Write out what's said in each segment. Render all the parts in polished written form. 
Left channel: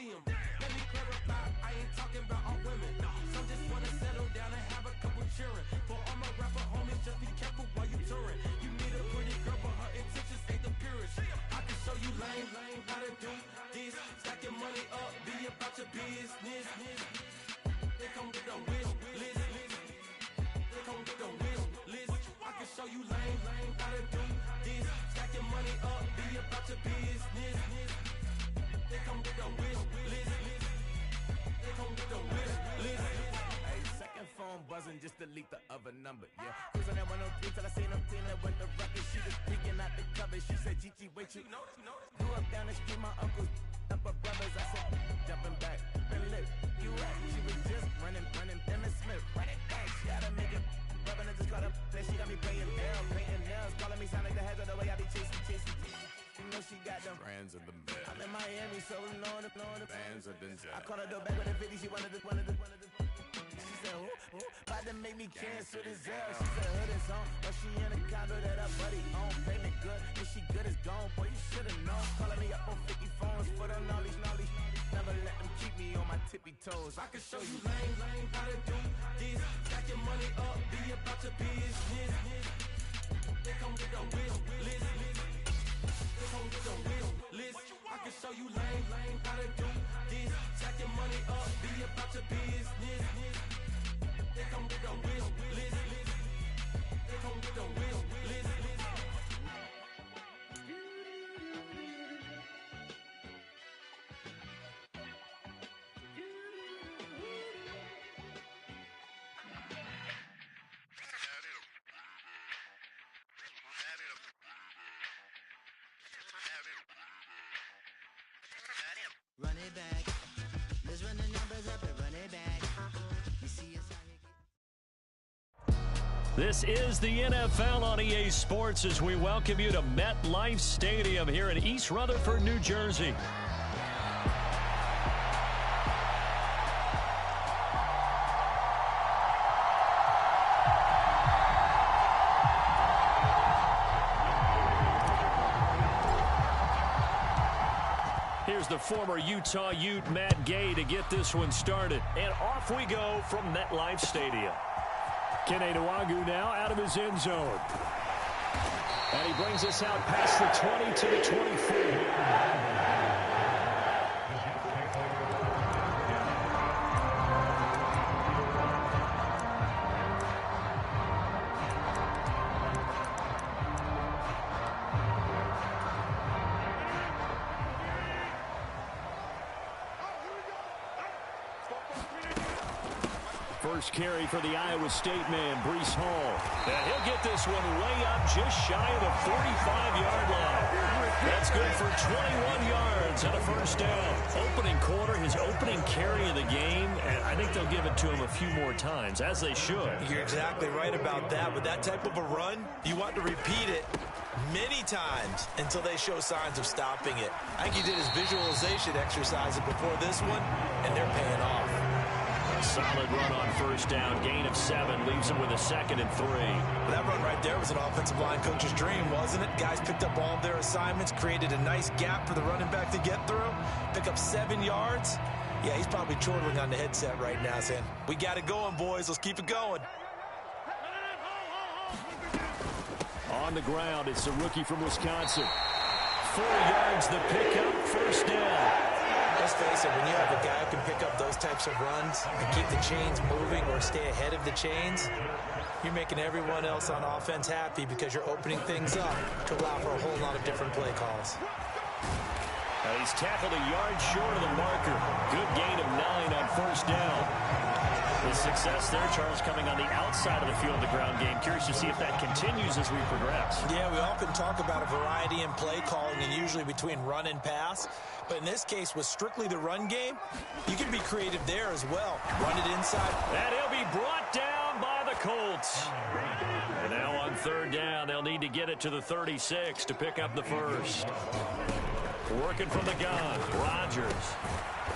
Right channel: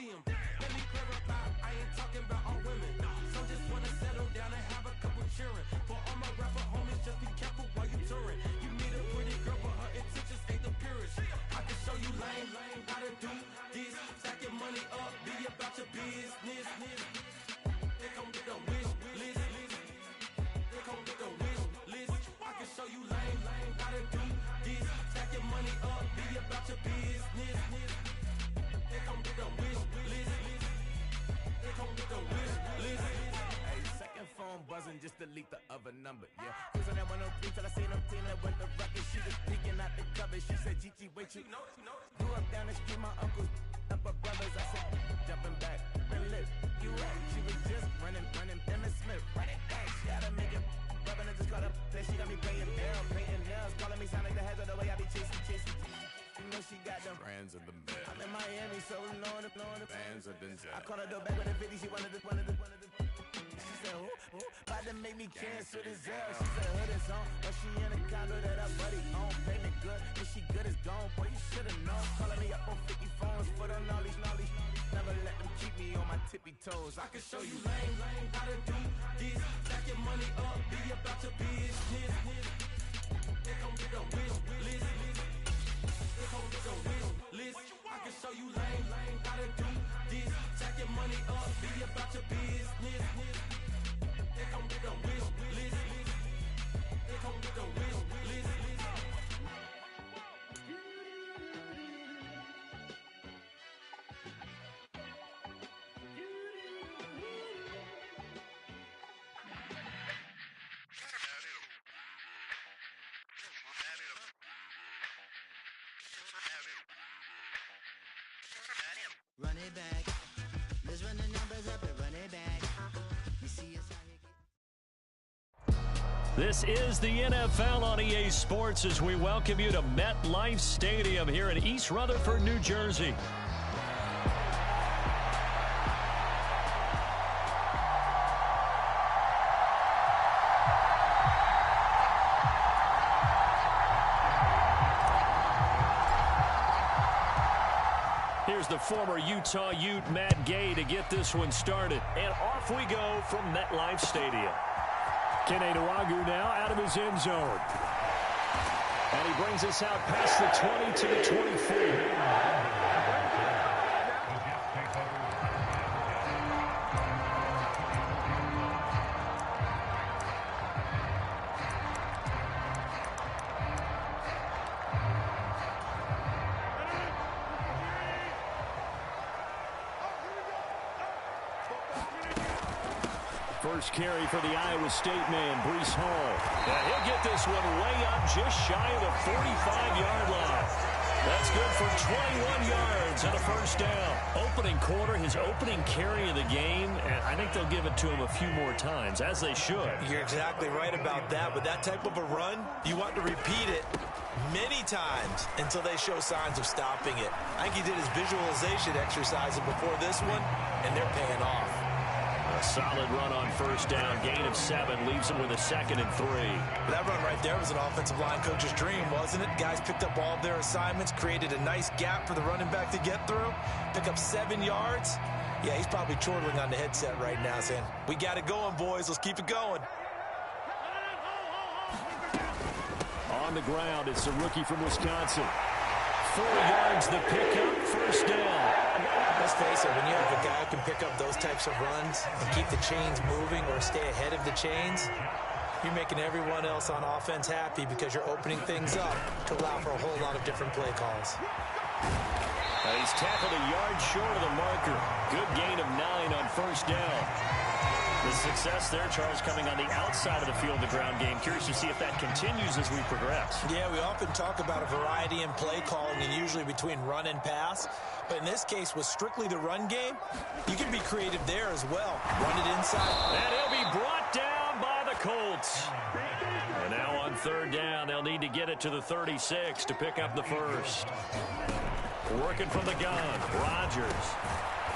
see them. Let me clarify, I ain't talking about all women. Some just wanna settle down and have a couple cheering. For all my rapper homies, just be careful while you touring. You meet a pretty girl, but her intentions ain't the purest. I can show you lame, how to do this. Stack your money up, be about your business. They come with a wish list. They come with a wish list. I can show you lame, how to do this. Stack your money up, be about your business. They come with a wish list. They come with a wish list. Hey, second phone buzzing, just delete the other number, yeah. Cruising at 103 till I seen them team that went the record. She was peeking out the cover. She said, Gigi, wait, you grew up down the street, my uncles, up her brothers. I said, jumping back, been lit. You at? She was just running, Emmitt Smith, run it back. She had to make it, rubbing it, just caught up. Then she got me paying Daryl, painting nails, calling me sound like the heads of the way I be chasing. You know she got them brands of the bed. I'm in Miami, so I'm knowing the bands of the jet. I called her door back with a 50, she wanted the. She said, who? About to make me cancel this L. She said, hood is on, but she in a condo that her buddy own. Payment good, if she good is gone. Boy, you should've known. Calling me up on 50 phones, foot on all these. Never let them keep me on my tippy toes. I can show you lame, how to do this. Stack your money up, be about your business. They come with a wish list. They come with a wish list. I can show you lame, how to do this. Stack your money up, be about your business. They come with a wish list. They come with a wish list. Run it back. Let's run the numbers up and run it back. You see us out here. This is the NFL on EA Sports as we welcome you to MetLife Stadium here in East Rutherford, New Jersey. Here's the former Utah Ute, Matt Gay, to get this one started. And off we go from MetLife Stadium. Kene Nwangwu now out of his end zone. And he brings us out past the 20 to the 24. First carry for the Iowa State man, Breece Hall. And he'll get this one way up just shy of the 45-yard line. That's good for 21 yards and a first down. Opening quarter, his opening carry of the game, and I think they'll give it to him a few more times, as they should. You're exactly right about that. With that type of a run, you want to repeat it many times until they show signs of stopping it. I think he did his visualization exercises before this one, and they're paying off. A solid run on first down. Gain of 7 leaves him with a 2nd and 3. That run right there was an offensive line coach's dream, wasn't it? Guys picked up all of their assignments, created a nice gap for the running back to get through, pick up 7 yards. Yeah, he's probably chortling on the headset right now saying, we got it going, boys. Let's keep it going. On the ground, it's the rookie from Wisconsin. 4 yards the pickup, first down. Let's face it, when you have a guy who can pick up those types of runs and keep the chains moving or stay ahead of the chains, you're making everyone else on offense happy because you're opening things up to allow for a whole lot of different play calls. Now he's tackled a yard short of the marker. Good gain of 9 on first down. The success there, Charles, coming on the outside of the field, the ground game. Curious to see if that continues as we progress. Yeah, we often talk about a variety in play calling and usually between run and pass. But in this case, with strictly the run game, you can be creative there as well. Run it inside. And he'll be brought down by the Colts. And now on third down, they'll need to get it to the 36 to pick up the first. Working from the gun, Rodgers.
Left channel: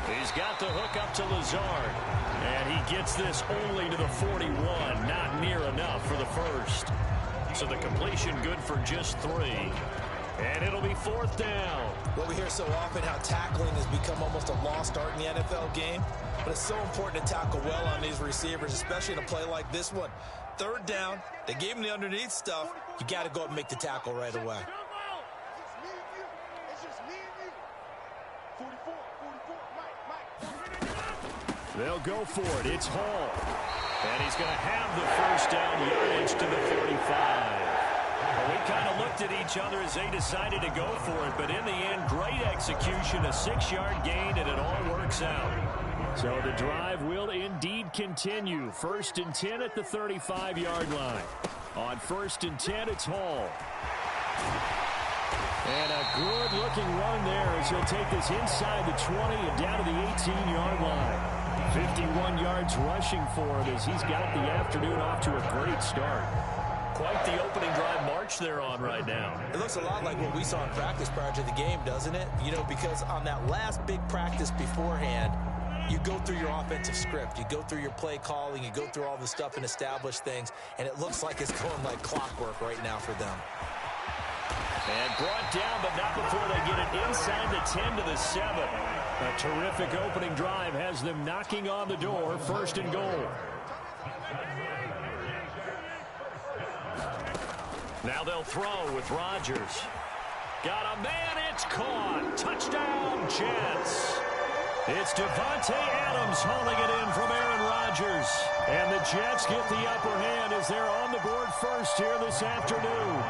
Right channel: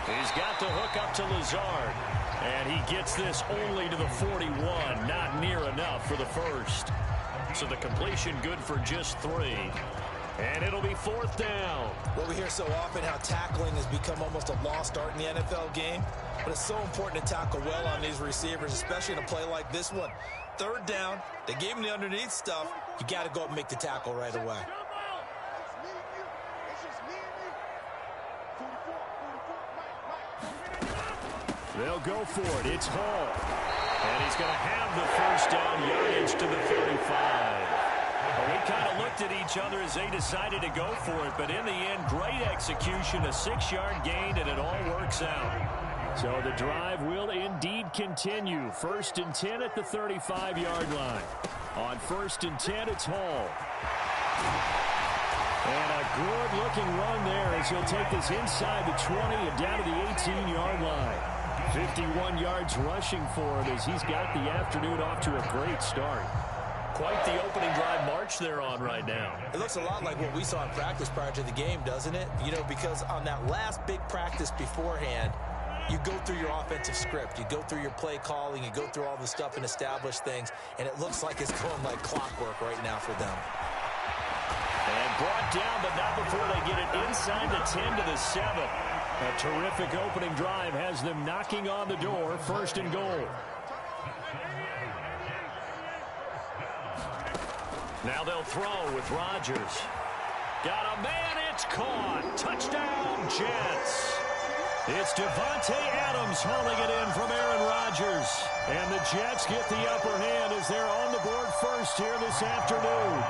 He's got the hook up to Lazard. And he gets this only to the 41. Not near enough for the first. So the completion good for just 3. And it'll be 4th down. Well, we hear so often how tackling has become almost a lost art in the NFL game. But it's so important to tackle well on these receivers, especially in a play like this one. 3rd down, they gave him the underneath stuff. You got to go up and make the tackle right away. They'll go for it. It's Hall. And he's going to have the 1st down, yardage to the 35. Well, we kind of looked at each other as they decided to go for it, but in the end, great execution, a 6-yard gain, and it all works out. So the drive will indeed continue. 1st and 10 at the 35-yard line. On 1st and 10, it's Hall. And a good-looking run there as he'll take this inside the 20 and down to the 18-yard line. 51 yards rushing for him as he's got the afternoon off to a great start. Quite the opening drive march they're on right now. It looks a lot like what we saw in practice prior to the game, doesn't it? You know, because on that last big practice beforehand, you go through your offensive script. You go through your play calling. You go through all the stuff and establish things. And it looks like it's going like clockwork right now for them. And brought down, but not before they get it inside the 10 to the 7. A terrific opening drive has them knocking on the door. 1st and goal. Now they'll throw with Rodgers. Got a man, it's caught. Touchdown, Jets. It's Devontae Adams hauling it in from Aaron Rodgers. And the Jets get the upper hand as they're on the board first here this afternoon.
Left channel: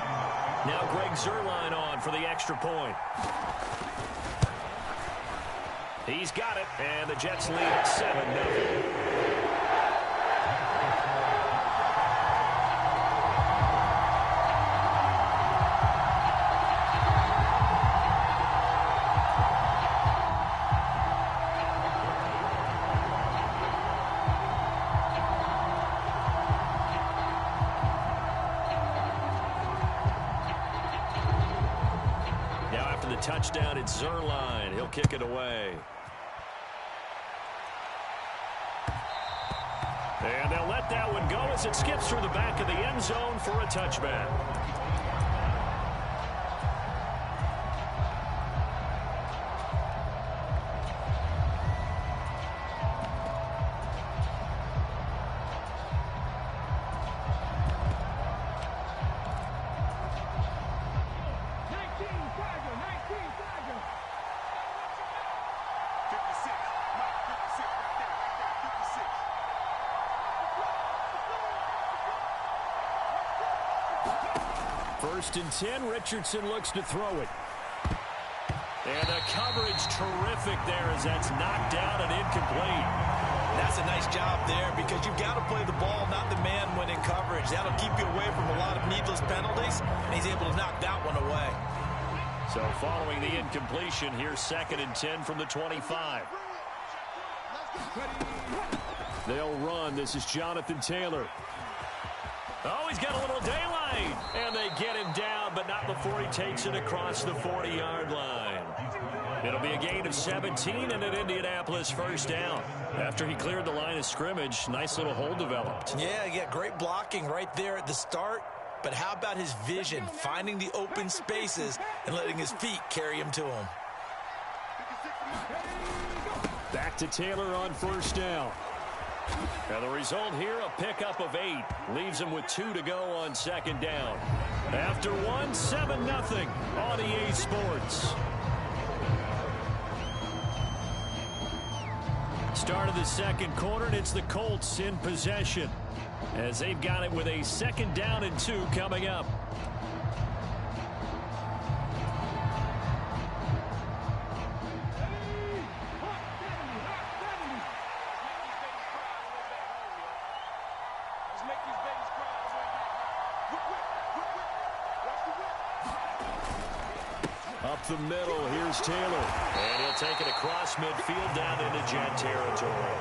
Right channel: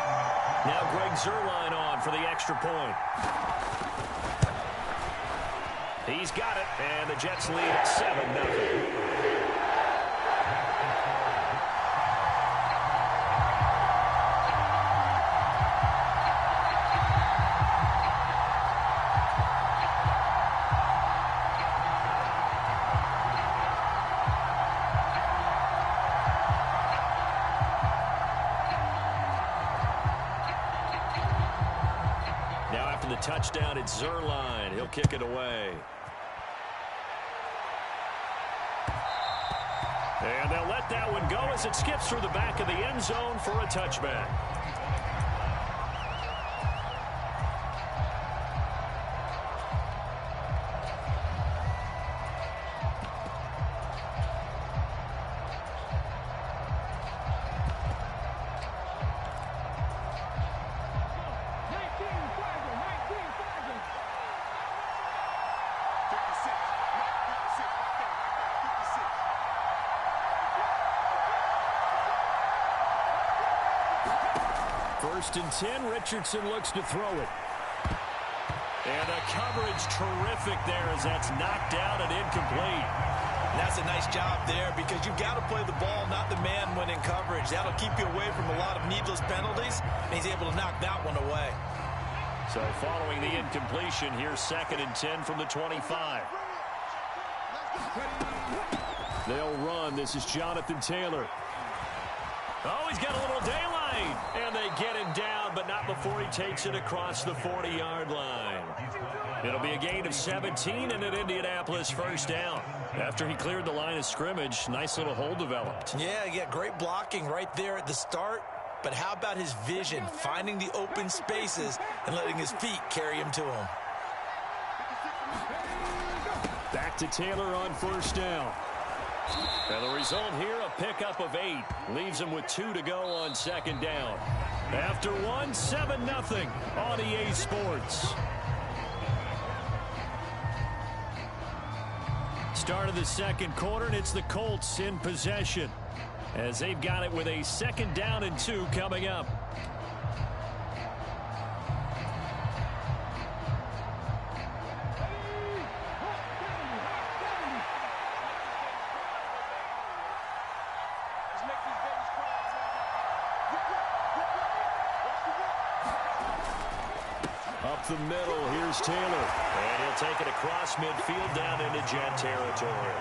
Now Greg Zuerlein on for the extra point. He's got it, and the Jets lead at 7-0. The touchdown, it's Zuerlein. He'll kick it away. And they'll let that one go as it skips through the back of the end zone for a touchback. First and 10, Richardson looks to throw it. And the coverage terrific there as that's knocked down and incomplete. That's a nice job there because you've got to play the ball, not the man when in coverage. That'll keep you away from a lot of needless penalties, and he's able to knock that one away. So following the incompletion, here's 2nd and 10 from the 25. They'll run. This is Jonathan Taylor. Oh, he's got a little daylight. And they get him down, but not before he takes it across the 40-yard line. It'll be a gain of 17 and an Indianapolis 1st down. After he cleared the line of scrimmage, nice little hole developed. Yeah, great blocking right there at the start. But how about his vision, finding the open spaces and letting his feet carry him to him? Back to Taylor on 1st down. And the result here, a pickup of 8. Leaves him with 2 to go on 2nd down. After 1, 7-0 on EA Sports. Start of the 2nd quarter, and it's the Colts in possession as they've got it with a 2nd down and 2 coming up. Up the middle, here's Taylor. And he'll take it across midfield down into Jet territory.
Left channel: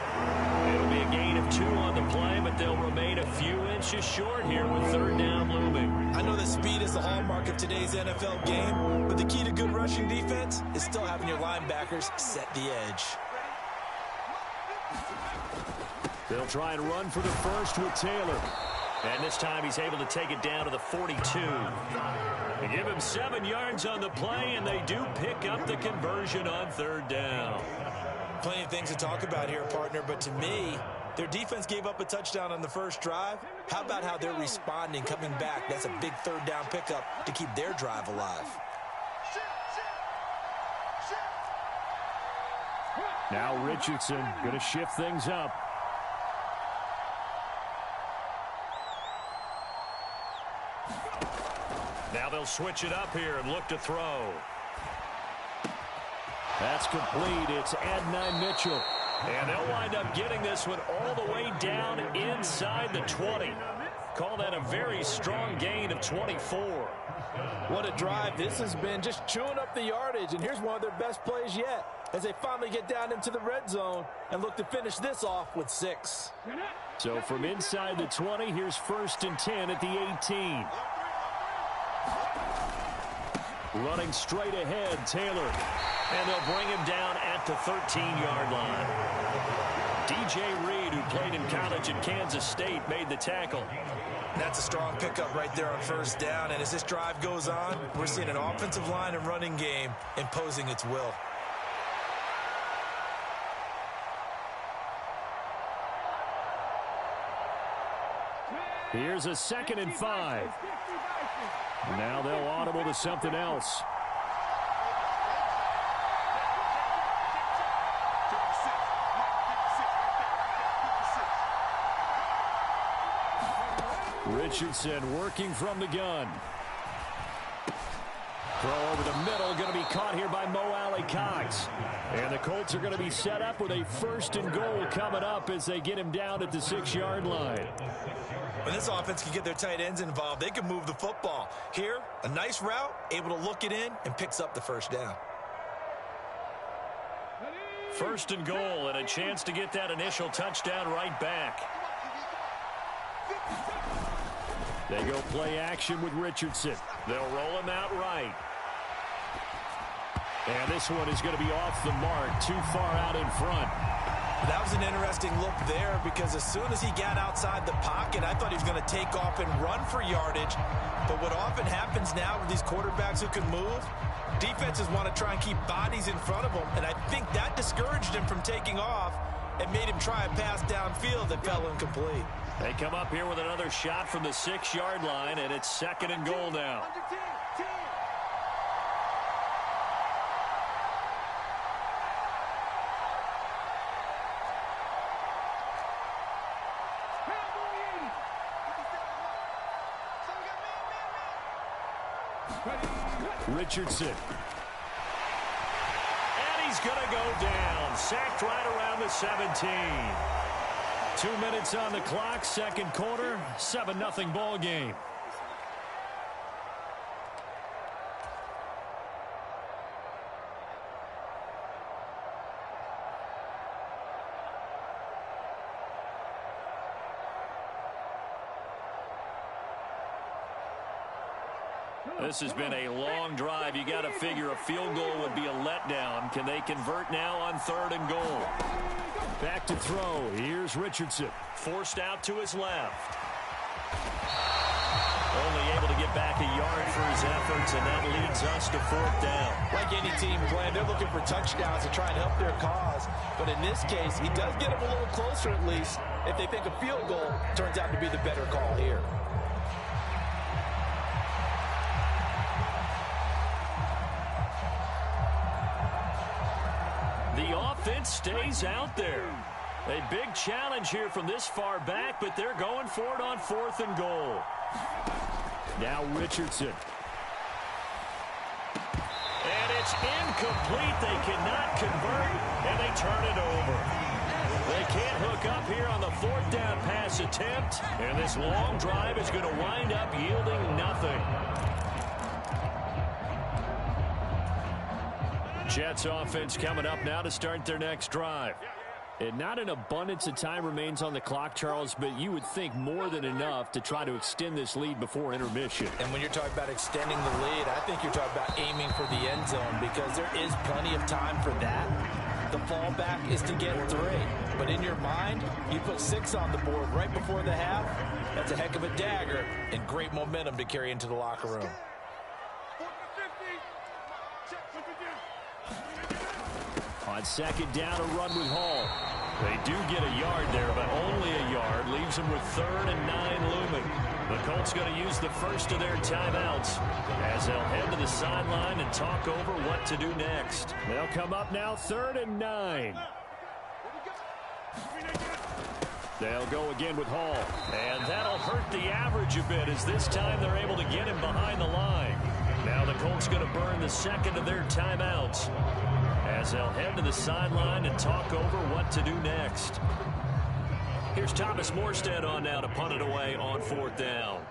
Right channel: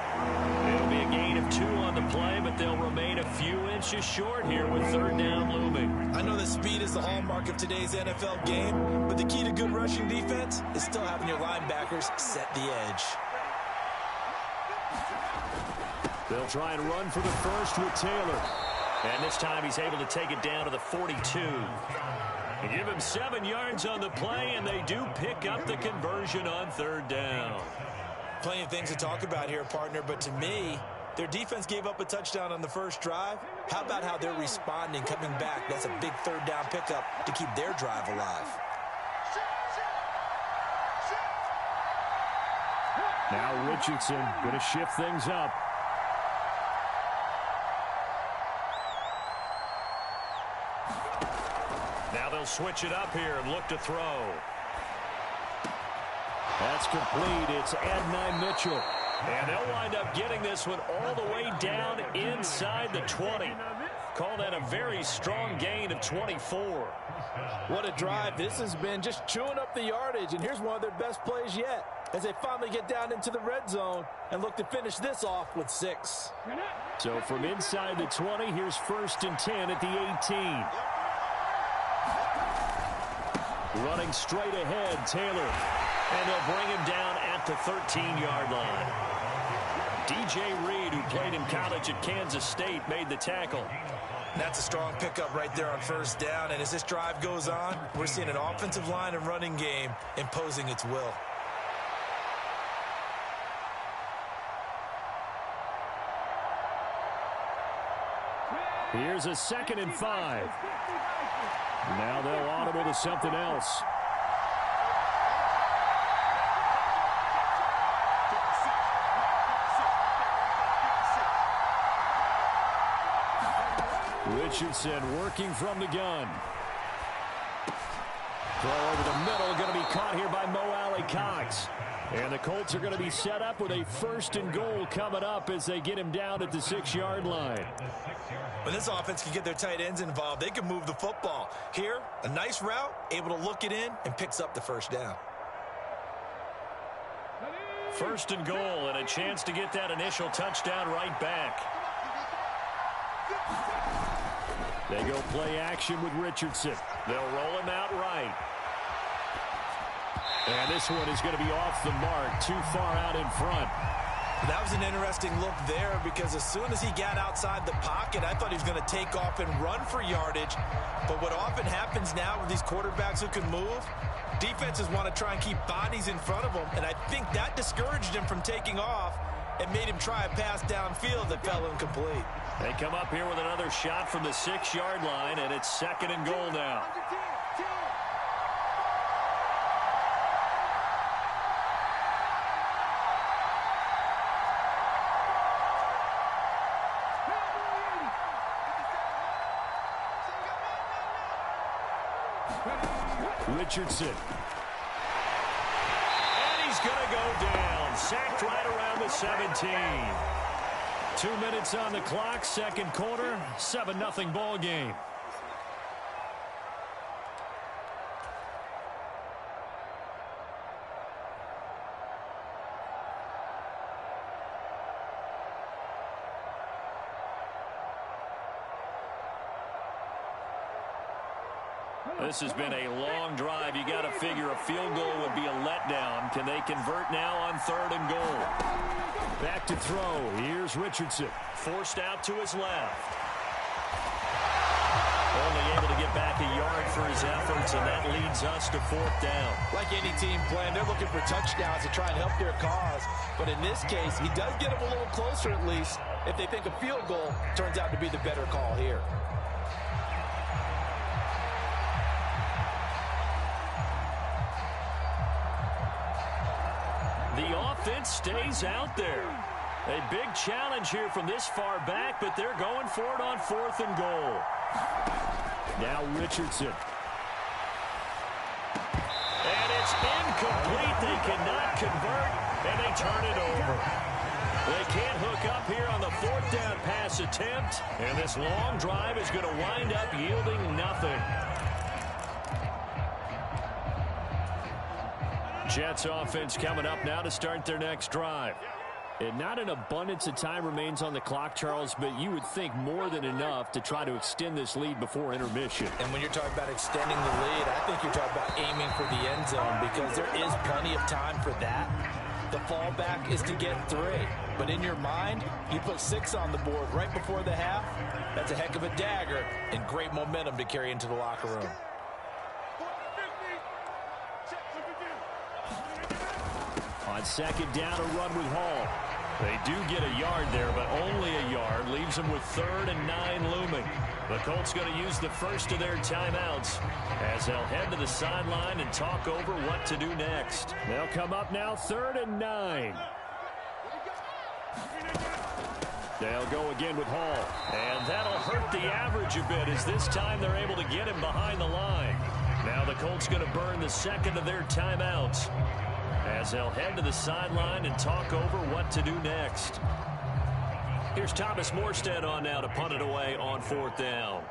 It'll be a gain of 2 on the play, but they'll remain a few inches short here with 3rd down looming. I know that speed is the hallmark of today's NFL game, but the key to good rushing defense is still having your linebackers set the edge. They'll try and run for the first with Taylor. And this time he's able to take it down to the 42. They give him 7 yards on the play, and they do pick up the conversion on 3rd down. Plenty of things to talk about here, partner, but to me, their defense gave up a touchdown on the first drive. How about how they're responding, coming back? That's a big 3rd down pickup to keep their drive alive. Now Richardson going to shift things up. Now they'll switch it up here and look to throw. That's complete. It's Adonai Mitchell. And they'll wind up getting this one all the way down inside the 20. Call that a very strong gain of 24. What a drive this has been, just chewing up the yardage. And here's one of their best plays yet as they finally get down into the red zone and look to finish this off with 6. So from inside the 20, here's 1st and 10 at the 18. Running straight ahead, Taylor. And they'll bring him down at the 13-yard line. DJ Reed, who played in college at Kansas State, made the tackle. That's a strong pickup right there on 1st down. And as this drive goes on, we're seeing an offensive line and running game imposing its will. Here's a 2nd and 5. Now they'll audible to something else. Richardson working from the gun. Throw over the middle, going to be caught here by Mo Alley-Cox. And the Colts are going to be set up with a 1st and goal coming up as they get him down at the 6-yard line. When this offense can get their tight ends involved, they can move the football. Here, a nice route, able to look it in, and picks up the 1st down. 1st and goal, and a chance to get that initial touchdown right back. They go play action with Richardson. They'll roll him out right. And this one is going to be off the mark, too far out in front. That was an interesting look there because as soon as he got outside the pocket, I thought he was going to take off and run for yardage. But what often happens now with these quarterbacks who can move, defenses want to try and keep bodies in front of them. And I think that discouraged him from taking off and made him try a pass downfield that fell incomplete. They come up here with another shot from the 6-yard line, and it's 2nd and goal now. Richardson. And he's going to go down. Sacked right around the 17. 2 minutes on the clock, 2nd quarter, 7-0 ball game. This has been a long drive. You got to figure a field goal would be a letdown. Can they convert now on 3rd and goal? Back to throw. Here's Richardson. Forced out to his left. Only able to get back a yard for his efforts, and that leads us to 4th down. Like any team playing, they're looking for touchdowns to try and help their cause. But in this case, he does get them a little closer at least if they think a field goal turns out to be the better call here. The offense stays out there. A big challenge here from this far back, but they're going for it on 4th and goal. Now Richardson. And it's incomplete. They cannot convert, and they turn it over. They can't hook up here on the 4th down pass attempt, and this long drive is going to wind up yielding nothing. Jets offense coming up now to start their next drive. And not an abundance of time remains on the clock, Charles, but you would think more than enough to try to extend this lead before intermission. And when you're talking about extending the lead, I think you're talking about aiming for the end zone because there is plenty of time for that. The fallback is to get 3. but in your mind, you put 6 on the board right before the half. That's a heck of a dagger and great momentum to carry into the locker room. On second down, a run with Hall. They do get a yard there, but only a yard. Leaves them with 3rd and 9 looming. The Colts going to use the first of their timeouts as they'll head to the sideline and talk over what to do next. They'll come up now 3rd and 9. They'll go again with Hall. And that'll hurt the average a bit as this time they're able to get him behind the line. Now the Colts going to burn the second of their timeouts as they'll head to the sideline and talk over what to do next. Here's Thomas Morstead on now to punt it away on 4th down.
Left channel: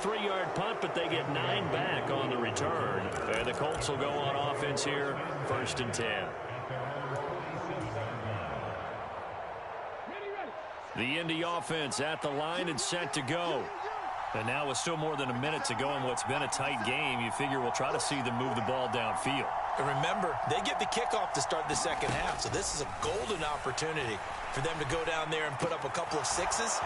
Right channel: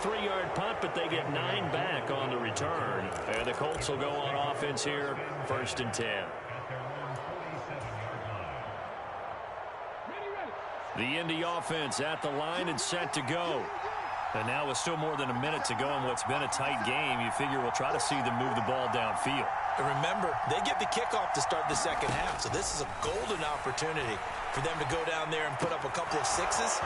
Three-yard punt, but they get 9 back on the return. And the Colts will go on offense here, 1st and 10. The Indy offense at the line and set to go. And now with still more than a minute to go in what's been a tight game, you figure we'll try to see them move the ball downfield. And remember, they get the kickoff to start the second half, so this is a golden opportunity for them to go down there and put up a couple of 6s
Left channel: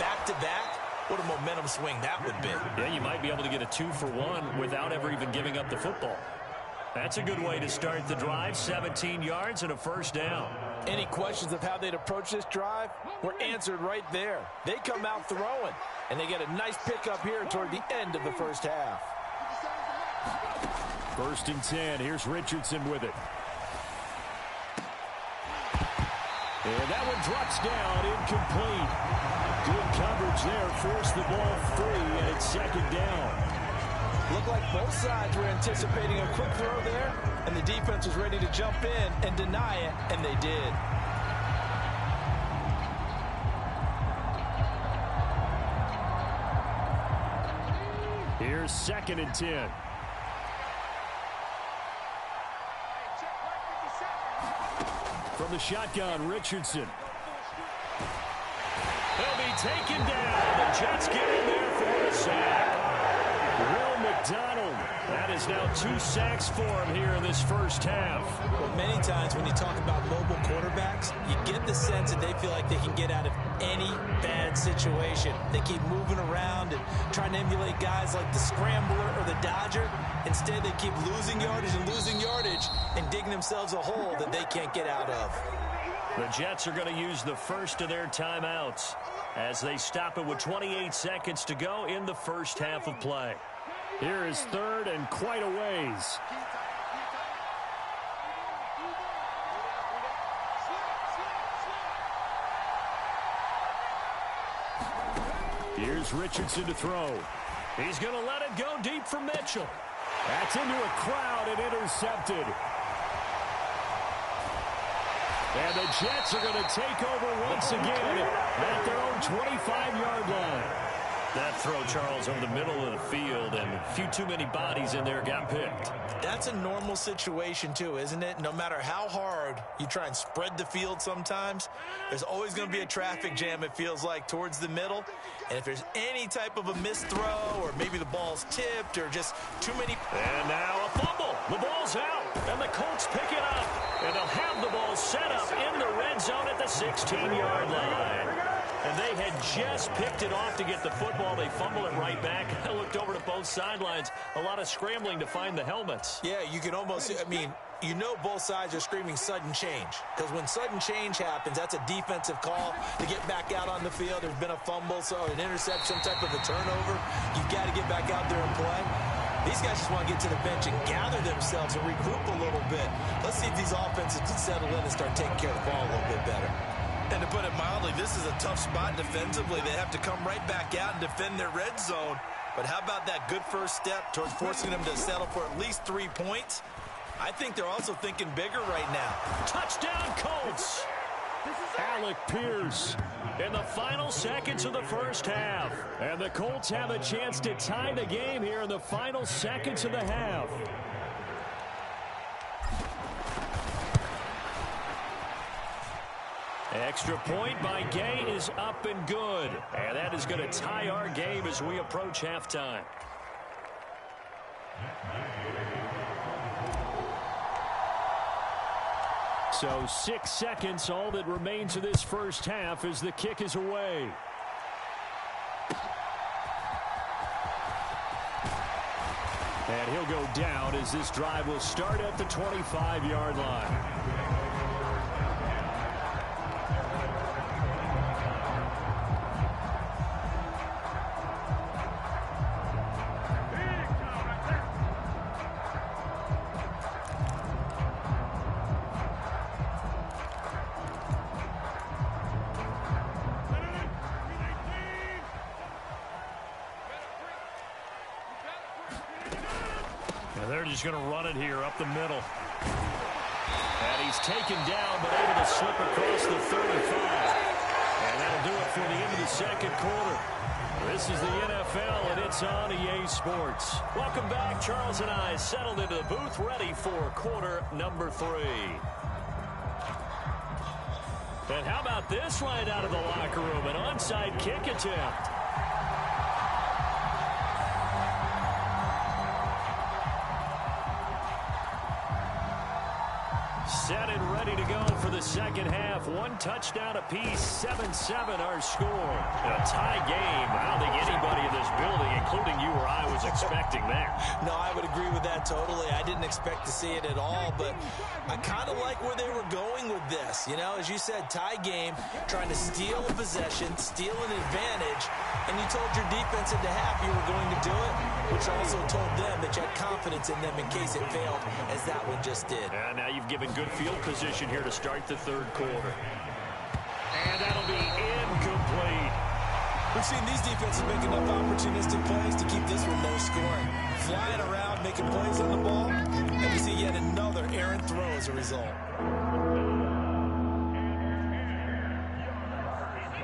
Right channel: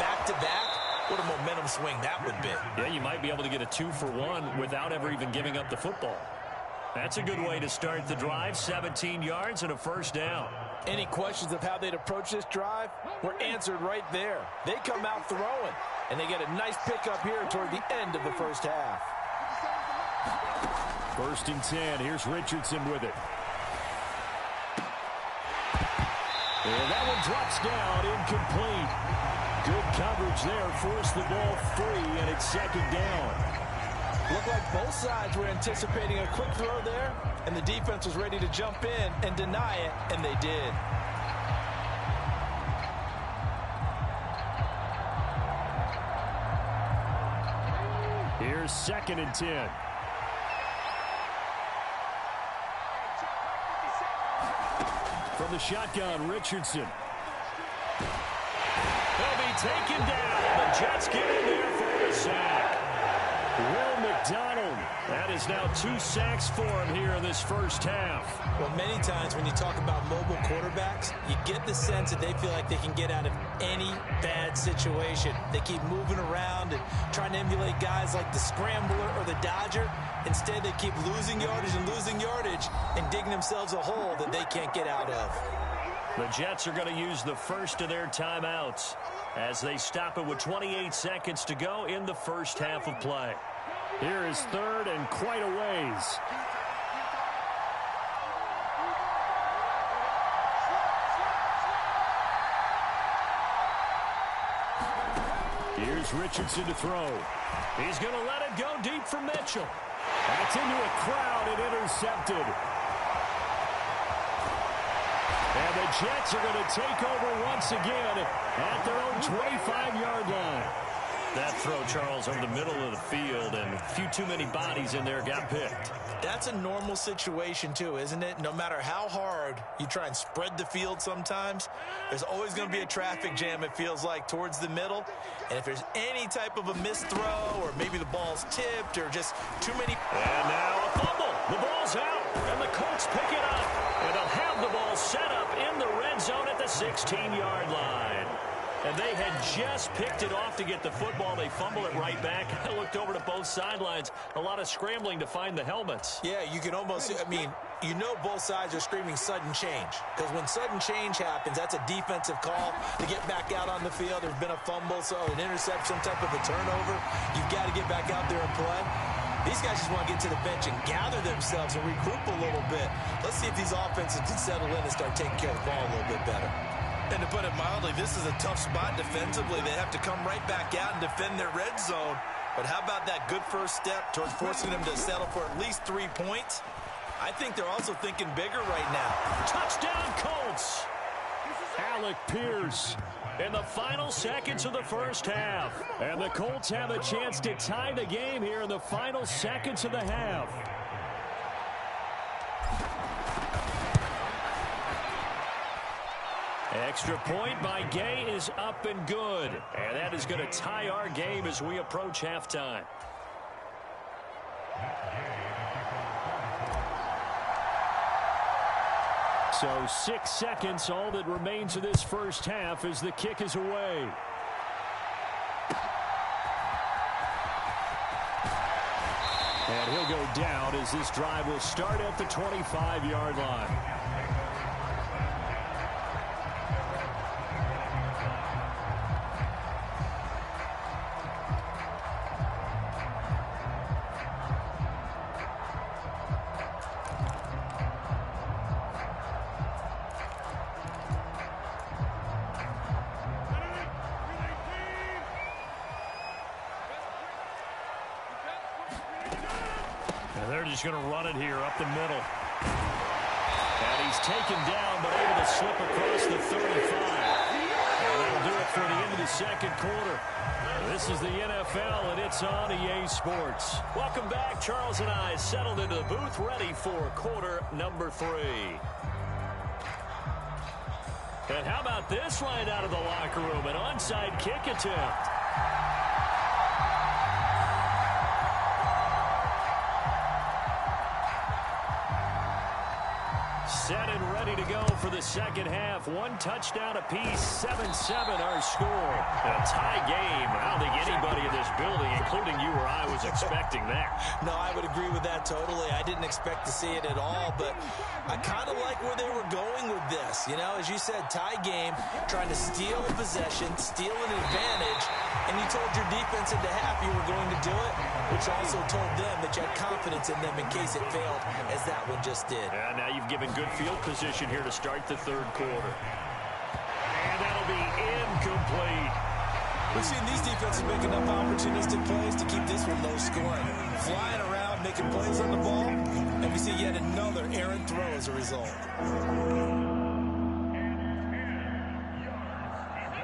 back-to-back. What a momentum swing that would be. Yeah, you might be able to get a 2-for-1 without ever even giving up the football. That's a good way to start the drive. 17 yards and a 1st down. Any questions of how they'd approach this drive were answered right there. They come out throwing, and they get a nice pickup here toward the end of the first half. 1st and 10. Here's Richardson with it. And that one drops down, incomplete. Good coverage there, forced the ball free, and it's 2nd down. Looked like both sides were anticipating a quick throw there, and the defense was ready to jump in and deny it, and they did. Here's 2nd and 10. From the shotgun, Richardson. He'll be taken down. The Jets get in there for the sack. Will McDonald. That is now 2 sacks for him here in this first half. Well, many times when you talk about mobile quarterbacks, you get the sense that they feel like they can get out of any bad situation. They keep moving around and trying to emulate guys like the Scrambler or the Dodger. Instead, they keep losing yardage and digging themselves a hole that they can't get out of. The Jets are going to use the first of their timeouts as they stop it with 28 seconds to go in the first half of play. Here is 3rd and quite a ways. Here's Richardson to throw. He's going to let it go deep for Mitchell. That's into a crowd and intercepted. And the Jets are going to take over once again at their own 25-yard line. That throw, Charles, over the middle of the field, and a few too many bodies in there got picked. That's a normal situation, too, isn't it? No matter how hard you try and spread the field sometimes, there's always going to be a traffic jam, it feels like, towards the middle. And if there's any type of a missed throw, or maybe the ball's tipped, or just too many... And now a fumble. The ball's out, and the Colts pick it up. And they'll have the ball set up in the red zone at the 16-yard line. And they had just picked it off to get the football. They fumble it right back. I looked over to both sidelines. A lot of scrambling to find the helmets. Yeah, you can almost, I mean, you know both sides are screaming sudden change. Because when sudden change happens, that's a defensive call to get back out on the field. There's been a fumble, so an interception, some type of a turnover. You've got to get back out there and play. These guys just want to get to the bench and gather themselves and regroup a little bit. Let's see if these offenses can settle in and start taking care of the ball a little bit better. And to put it mildly, this is a tough spot defensively. They have to come right back out and defend their red zone. But how about that good first step towards forcing them to settle for at least 3 points? I think they're also thinking bigger right now. Touchdown, Colts! Alec Pierce in the final seconds of the first half. And the Colts have a chance to tie the game here in the final seconds of the half. Extra point by Gay is up and good. And that is going to tie our game as we approach halftime. So 6 seconds, all that remains of this first half as the kick is away. And he'll go down as this drive will start at the 25-yard line. He's going to run it here up the middle. And he's taken down but able to slip across the 35. And that'll do it for the end of the second quarter. This is the NFL, and it's on EA Sports. Welcome back. Charles and I settled into the booth, ready for quarter number 3. And how about this right out of the locker room? An onside kick attempt. Set and ready to go for the second half. One touchdown apiece, 7-7 our score. A tie game. I don't think anybody in this building, including you or I, was expecting that. No, I would agree with that totally. I didn't expect to see it at all, but I kind of like where they were going with this. You know, as you said, tie game, trying to steal a possession, steal an advantage, and you told your defense at the half you were going to do it, which also told them that you had confidence in them in case it failed, as that one just did. And now you've given good field position here to start the third quarter. And that'll be incomplete. We've seen these defenses make enough opportunistic plays to keep this one low scoring. Flying around, making plays on the ball, and we see yet another errant throw as a result.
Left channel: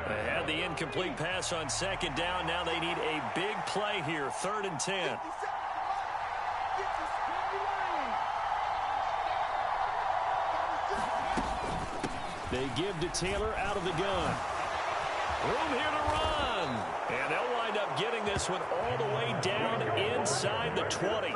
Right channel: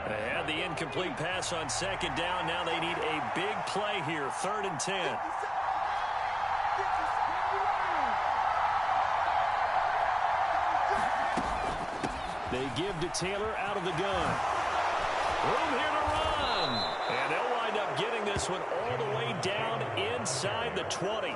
They had the incomplete pass on second down. Now they need a big play here, 3rd and 10. They give to Taylor out of the gun. Room here to run. And they'll wind up getting this one all the way down inside the 20.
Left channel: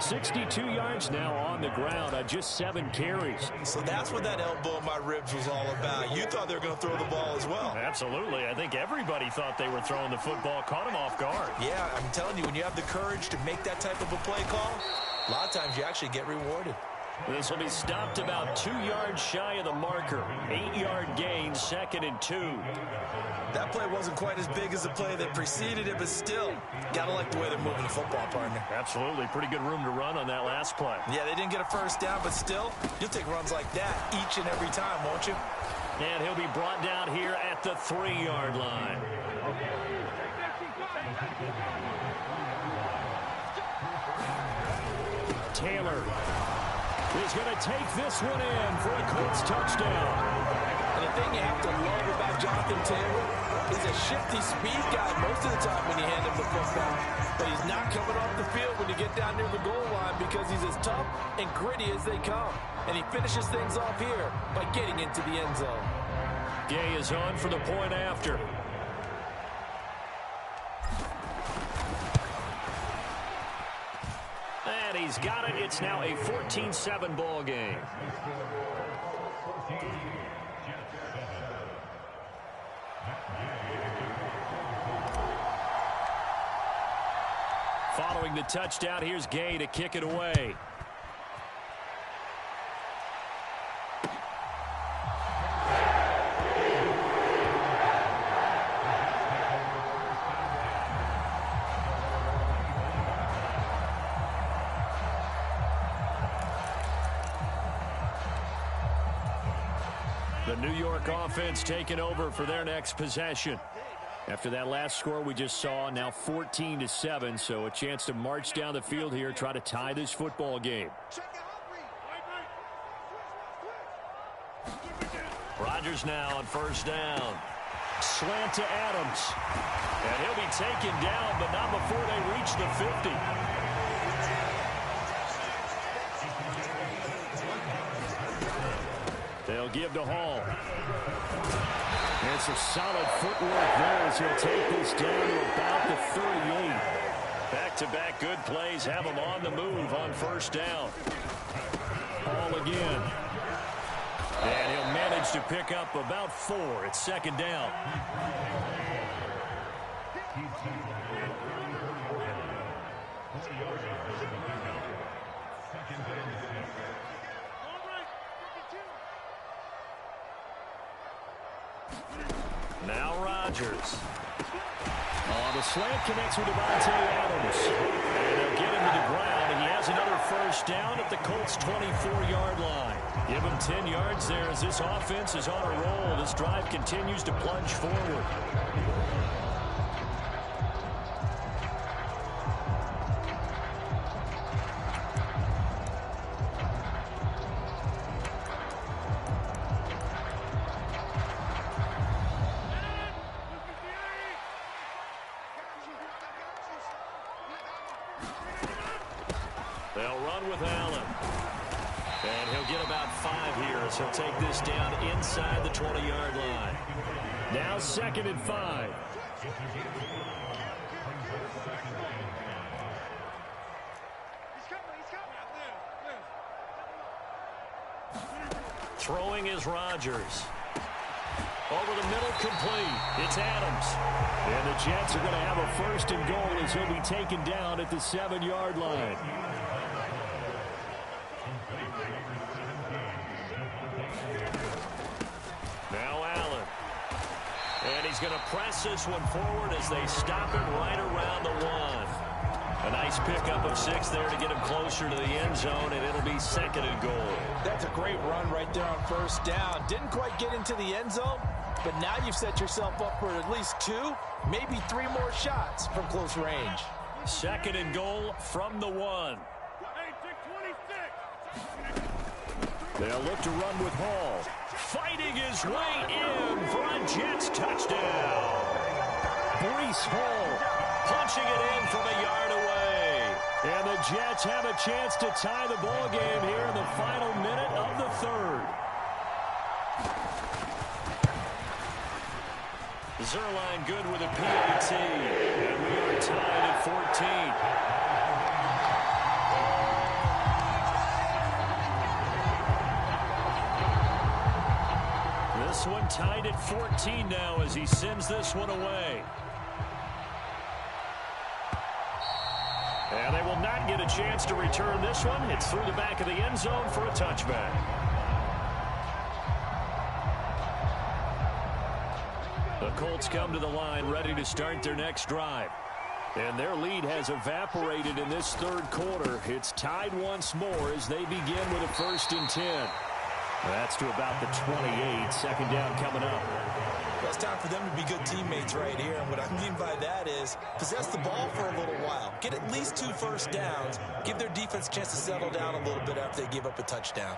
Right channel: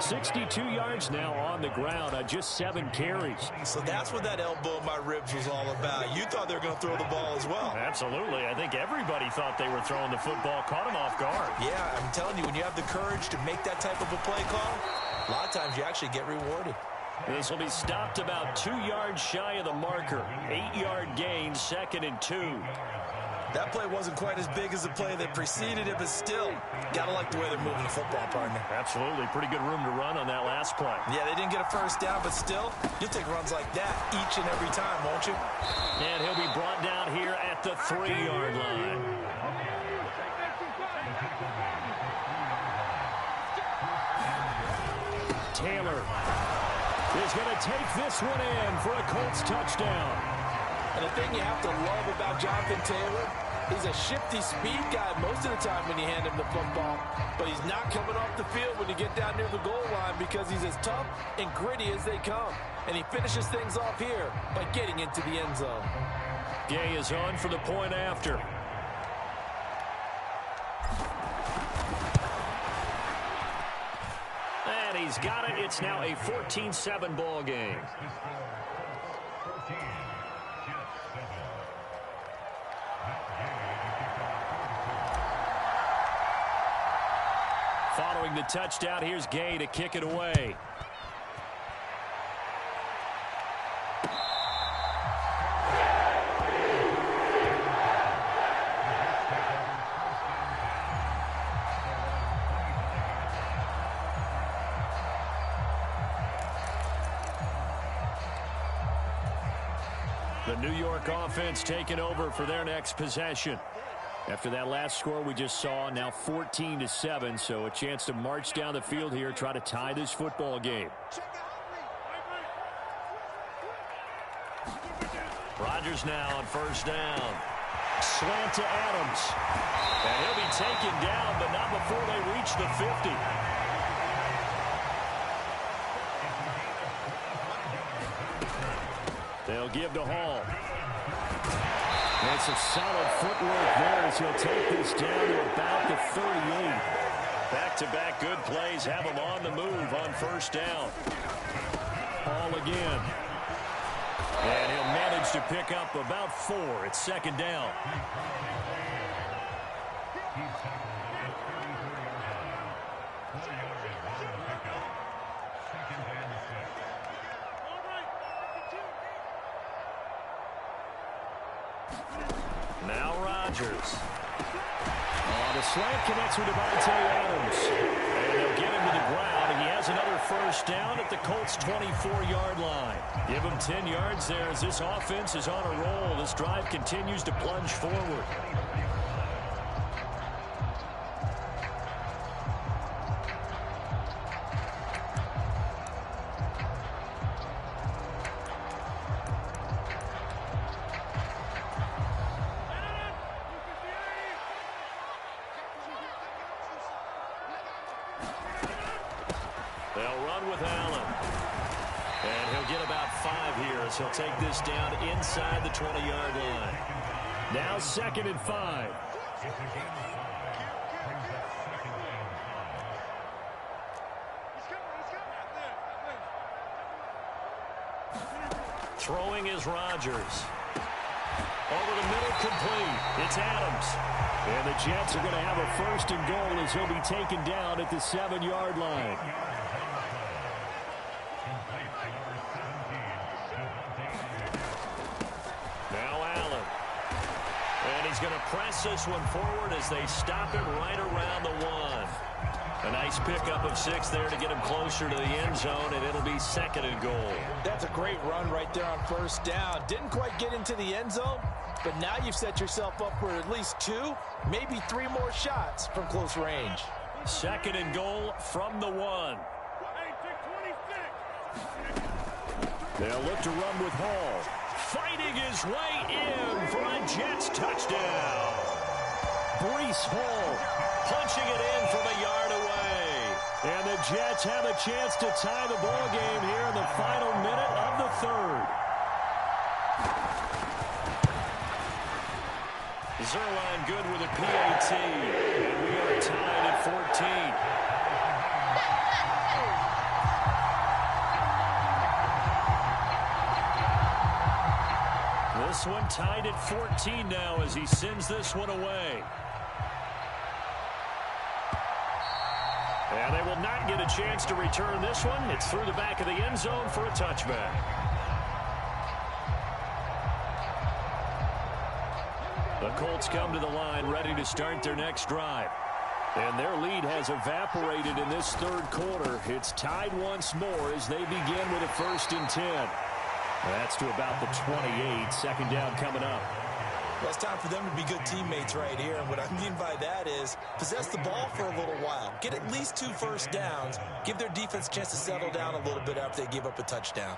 62 yards now on the ground on just 7 carries. So that's what that elbow in my ribs was all about. You thought they were going to throw the ball as well. Absolutely. I think everybody thought they were throwing the football, caught them off guard. Yeah, I'm telling you, when you have the courage to make that type of a play call, a lot of times you actually get rewarded. This will be stopped about 2 yards shy of the marker. 8-yard gain, 2nd and 2. That play wasn't quite as big as the play that preceded it, but still, gotta like the way they're moving the football, partner. Absolutely. Pretty good room to run on that last play. Yeah, they didn't get a first down, but still, you'll take runs like that each and every time, won't you? And he'll be brought down here at the 3-yard line. Taylor is going to take this one in for a Colts touchdown. And the thing you have to love about Jonathan Taylor, he's a shifty speed guy most of the time when you hand him the football. But he's not coming off the field when you get down near the goal line because he's as tough and gritty as they come. And he finishes things off here by getting into the end zone. Gay is on for the point after. And he's got it. It's now a 14-7 ball game. Following the touchdown, here's Gay to kick it away. The New York offense taking over for their next possession. After that last score we just saw, now 14-7, so a chance to march down the field here, try to tie this football game. Rodgers now on first down. Slant to Adams. And he'll be taken down, but not before they reach the 50. They'll give to Hall. And some solid footwork there as he'll take this down to about the 38. Back-to-back good plays have him on the move on first down. Ball again. And he'll manage to pick up about 4. It's second down. Now Rodgers. The slant connects with Devontae Adams. And they'll get him to the ground. He has another first down at the Colts' 24-yard line. Give him 10 yards there as this offense is on a roll. This drive continues to plunge forward. They'll run with Allen. And he'll get about 5 here as he'll take this down inside the 20-yard line. Now 2nd and 5. Throwing is Rodgers. Over the middle, complete. It's Adams. And the Jets are going to have a 1st and goal as he'll be taken down at the 7-yard line. Now Allen. And he's going to press this one forward as they stop him right around the 1. A nice pickup of 6 there to get him closer to the end zone, and it'll be 2nd and goal. That's a great run right there on first down. Didn't quite get into the end zone, but now you've set yourself up for at least 2, maybe 3 more shots from close range. 2nd and goal from the 1. They'll look to run with Hall. Fighting his way in for a Jets touchdown. Breece Hall punching it in from a yard away. And the Jets have a chance to tie the ball game here in the final minute of the 3rd. Zerline good with a PAT. And we are tied at 14. This one tied at 14 now as he sends this one away. And they will not get a chance to return this one. It's through the back of the end zone for a touchback. The Colts come to the line ready to start their next drive. And their lead has evaporated in this 3rd quarter. It's tied once more as they begin with a 1st and 10. That's to about the 28. 2nd down coming up. Well, it's time for them to be good teammates right here. And what I mean by that is possess the ball for a little while. Get at least 2 first downs. Give their defense a chance to settle down a little bit after they give up a touchdown.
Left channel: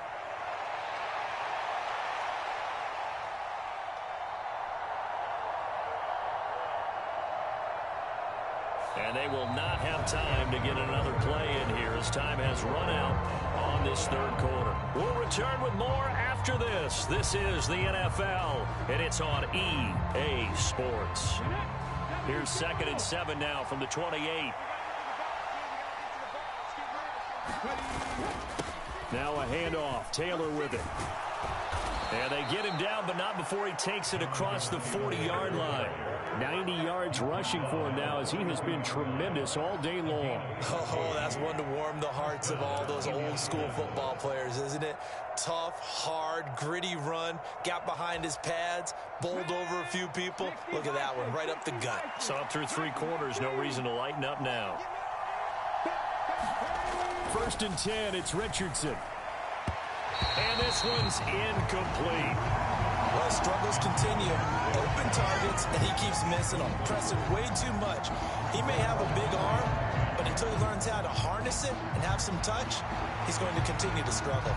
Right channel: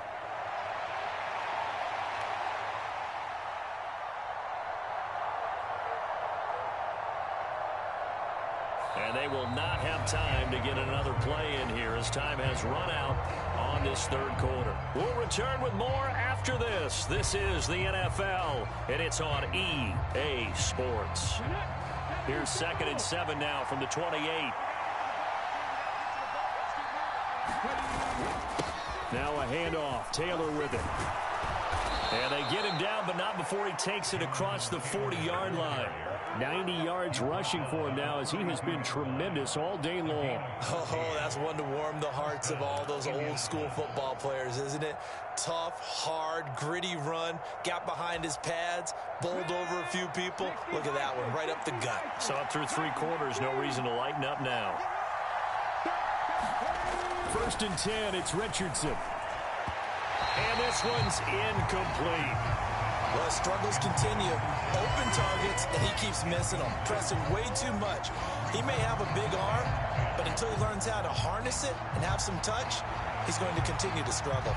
And they will not have time to get another play in here as time has run out on this 3rd quarter. We'll return with more after this. This is the NFL, and it's on EA Sports. Here's 2nd and 7 now from the 28. Now a handoff. Taylor with it. And they get him down, but not before he takes it across the 40-yard line. 90 yards rushing for him now as he has been tremendous all day long. Oh, that's one to warm the hearts of all those old-school football players, isn't it? Tough, hard, gritty run, got behind his pads, bowled over a few people. Look at that one, right up the gut. So up through 3 quarters, no reason to lighten up now. 1st and 10, it's Richardson. And this one's incomplete. Well, his struggles continue. Open targets, and he keeps missing them, pressing way too much. He may have a big arm, but until he learns how to harness it and have some touch, he's going to continue to struggle.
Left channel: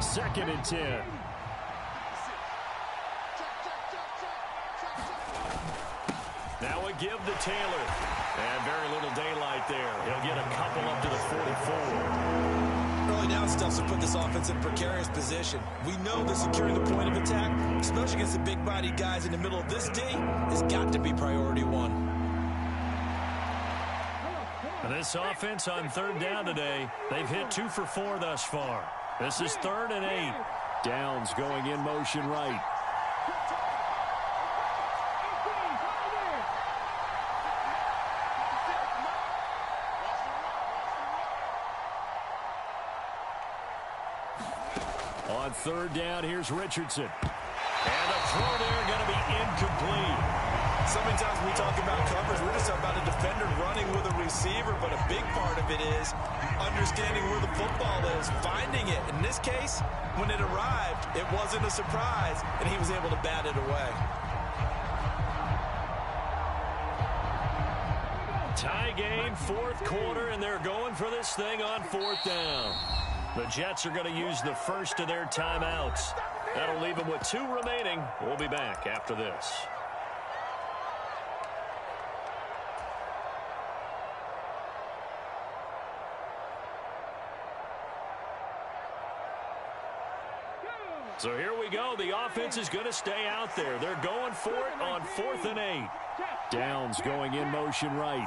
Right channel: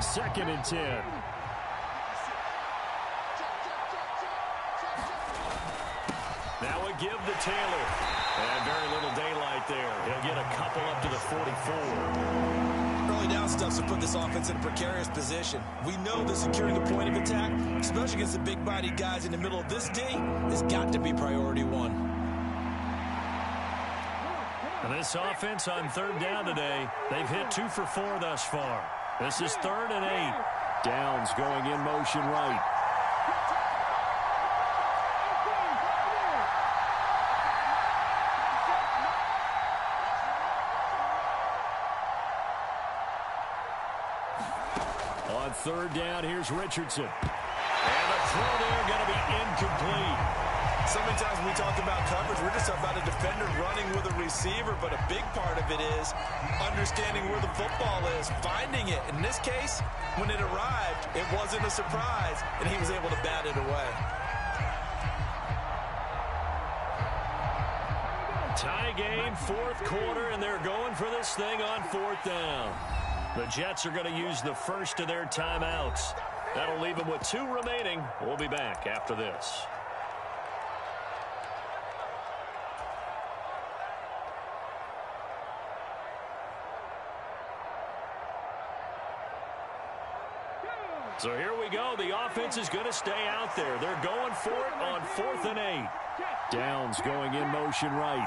2nd and 10. Now a give to Taylor. And very little daylight there. He'll get a couple up to the 44. Early down stuffs will put this offense in a precarious position. We know that securing the point of attack, especially against the big-bodied guys in the middle of this D, has got to be priority one. And this offense on third down today, they've hit 2 for 4 thus far. This is 3rd and 8. Downs going in motion right. On third down, here's Richardson. And a throw there going to be incomplete. So many times when we talk about coverage, we're just about a defender running with a receiver, but a big part of it is understanding where the football is, finding it. In this case, when it arrived, it wasn't a surprise, and he was able to bat it away. Tie game, 4th quarter, and they're going for this thing on 4th down. The Jets are going to use the first of their timeouts. That'll leave them with 2 remaining. We'll be back after this. So here we go. The offense is going to stay out there. They're going for it on 4th and 8. Downs going in motion right.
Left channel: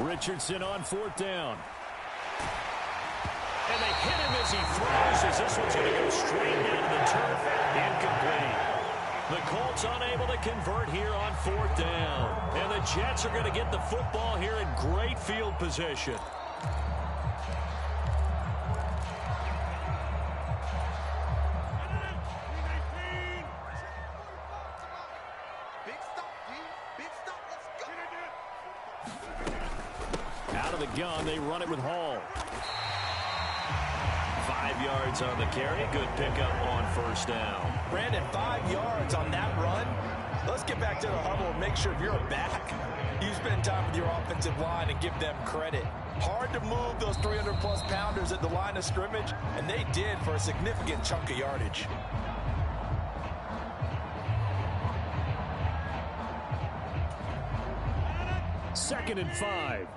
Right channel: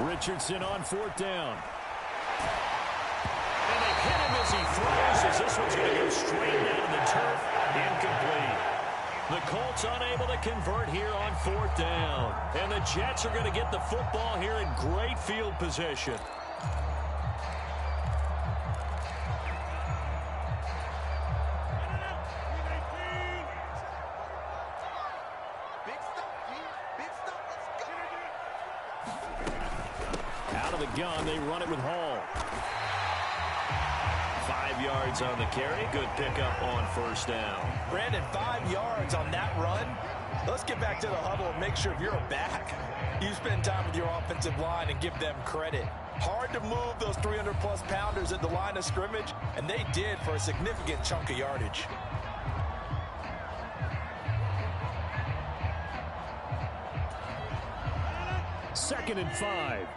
Richardson on 4th down. And they hit him as he throws, as this one's going to go straight down to the turf. Incomplete. The Colts unable to convert here on 4th down. And the Jets are going to get the football here in great field position. Out of the gun, they run it with Hall. 5 yards on the carry. Good pickup on 1st down. Brandon, 5 yards on that run. Let's get back to the huddle and make sure if you're a back, you spend time with your offensive line and give them credit. Hard to move those 300-plus pounders at the line of scrimmage, and they did for a significant chunk of yardage. Second and 5.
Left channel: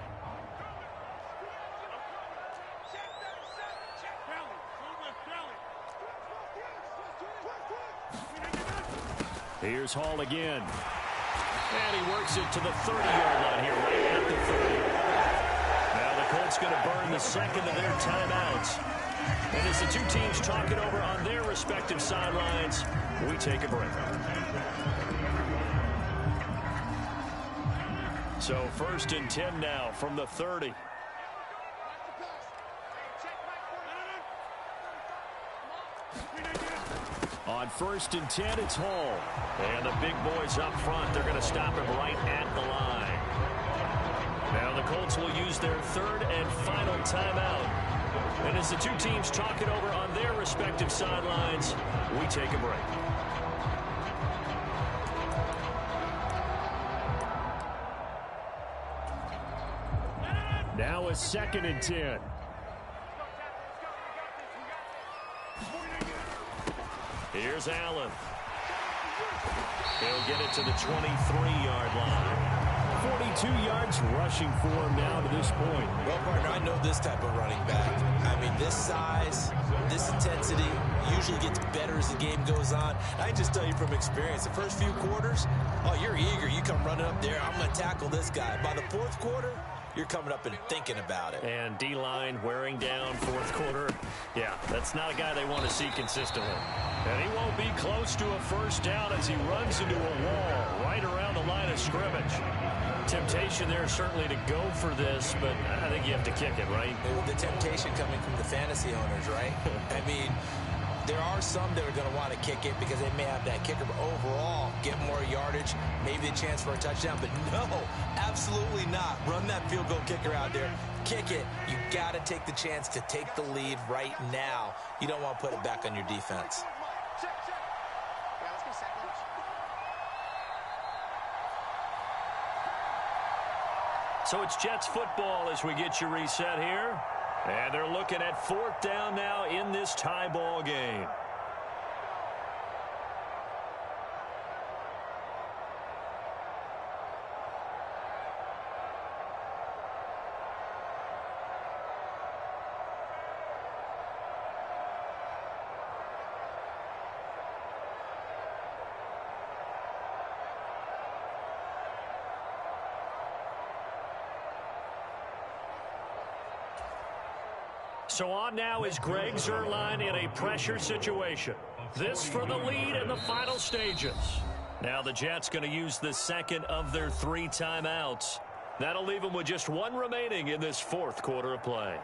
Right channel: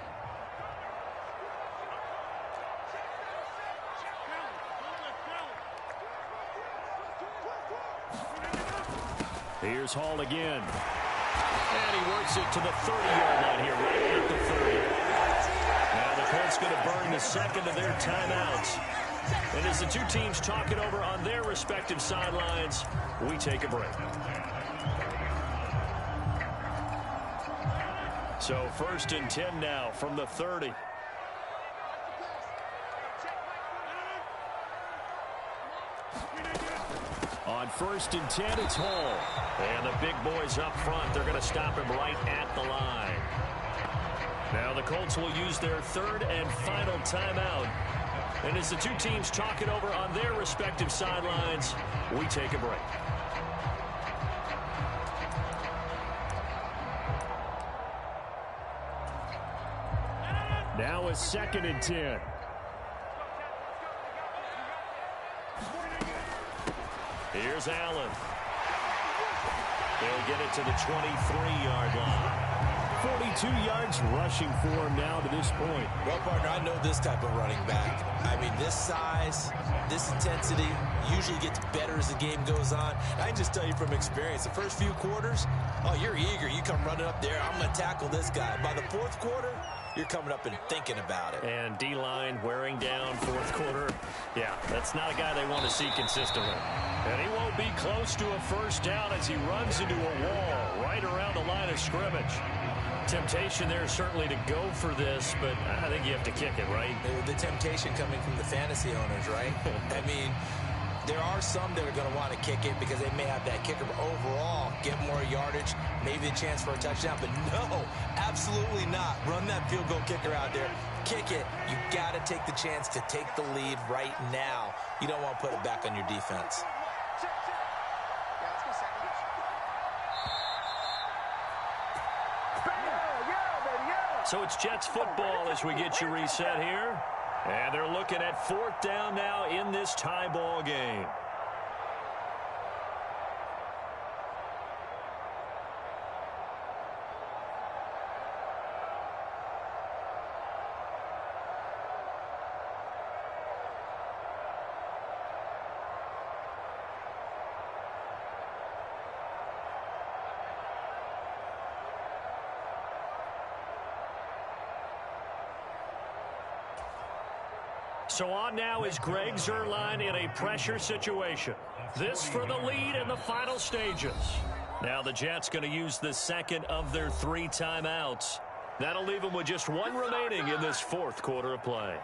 Here's Hall again. And he works it to the 30-yard line here, right at the 30. Now the Colts going to burn the second of their timeouts. And as the two teams talk it over on their respective sidelines, we take a break. So 1st and 10 now from the 30. On 1st and 10, it's Hall. And the big boys up front, they're going to stop him right at the line. Now the Colts will use their 3rd and final timeout. And as the two teams talk it over on their respective sidelines, we take a break. Now a 2nd and 10. Here's Allen. He'll get it to the 23-yard line. 42 yards rushing for him now to this point. Well, partner, I know this type of running back. I mean, this size, this intensity usually gets better as the game goes on. I can just tell you from experience, the first few quarters, oh, you're eager. You come running up there, I'm going to tackle this guy. By the 4th quarter, you're coming up and thinking about it. And D-line wearing down 4th quarter. Yeah, that's not a guy they want to see consistently. And he won't be close to a 1st down as he runs into a wall right around the line of scrimmage. Temptation there certainly to go for this, but I think you have to kick it, right? The temptation coming from the fantasy owners, right? I mean, there are some that are going to want to kick it because they may have that kicker, but overall, get more yardage, maybe a chance for a touchdown. But no, absolutely not. Run that field goal kicker out there. Kick it. You got to take the chance to take the lead right now. You don't want to put it back on your defense. So it's Jets football as we get you reset here. And they're looking at 4th down now in this tie ball game. So on now is Greg Zuerlein in a pressure situation. This for the lead in the final stages. Now the Jets going to use the second of their 3 timeouts. That'll leave them with just 1 remaining in this 4th quarter of play.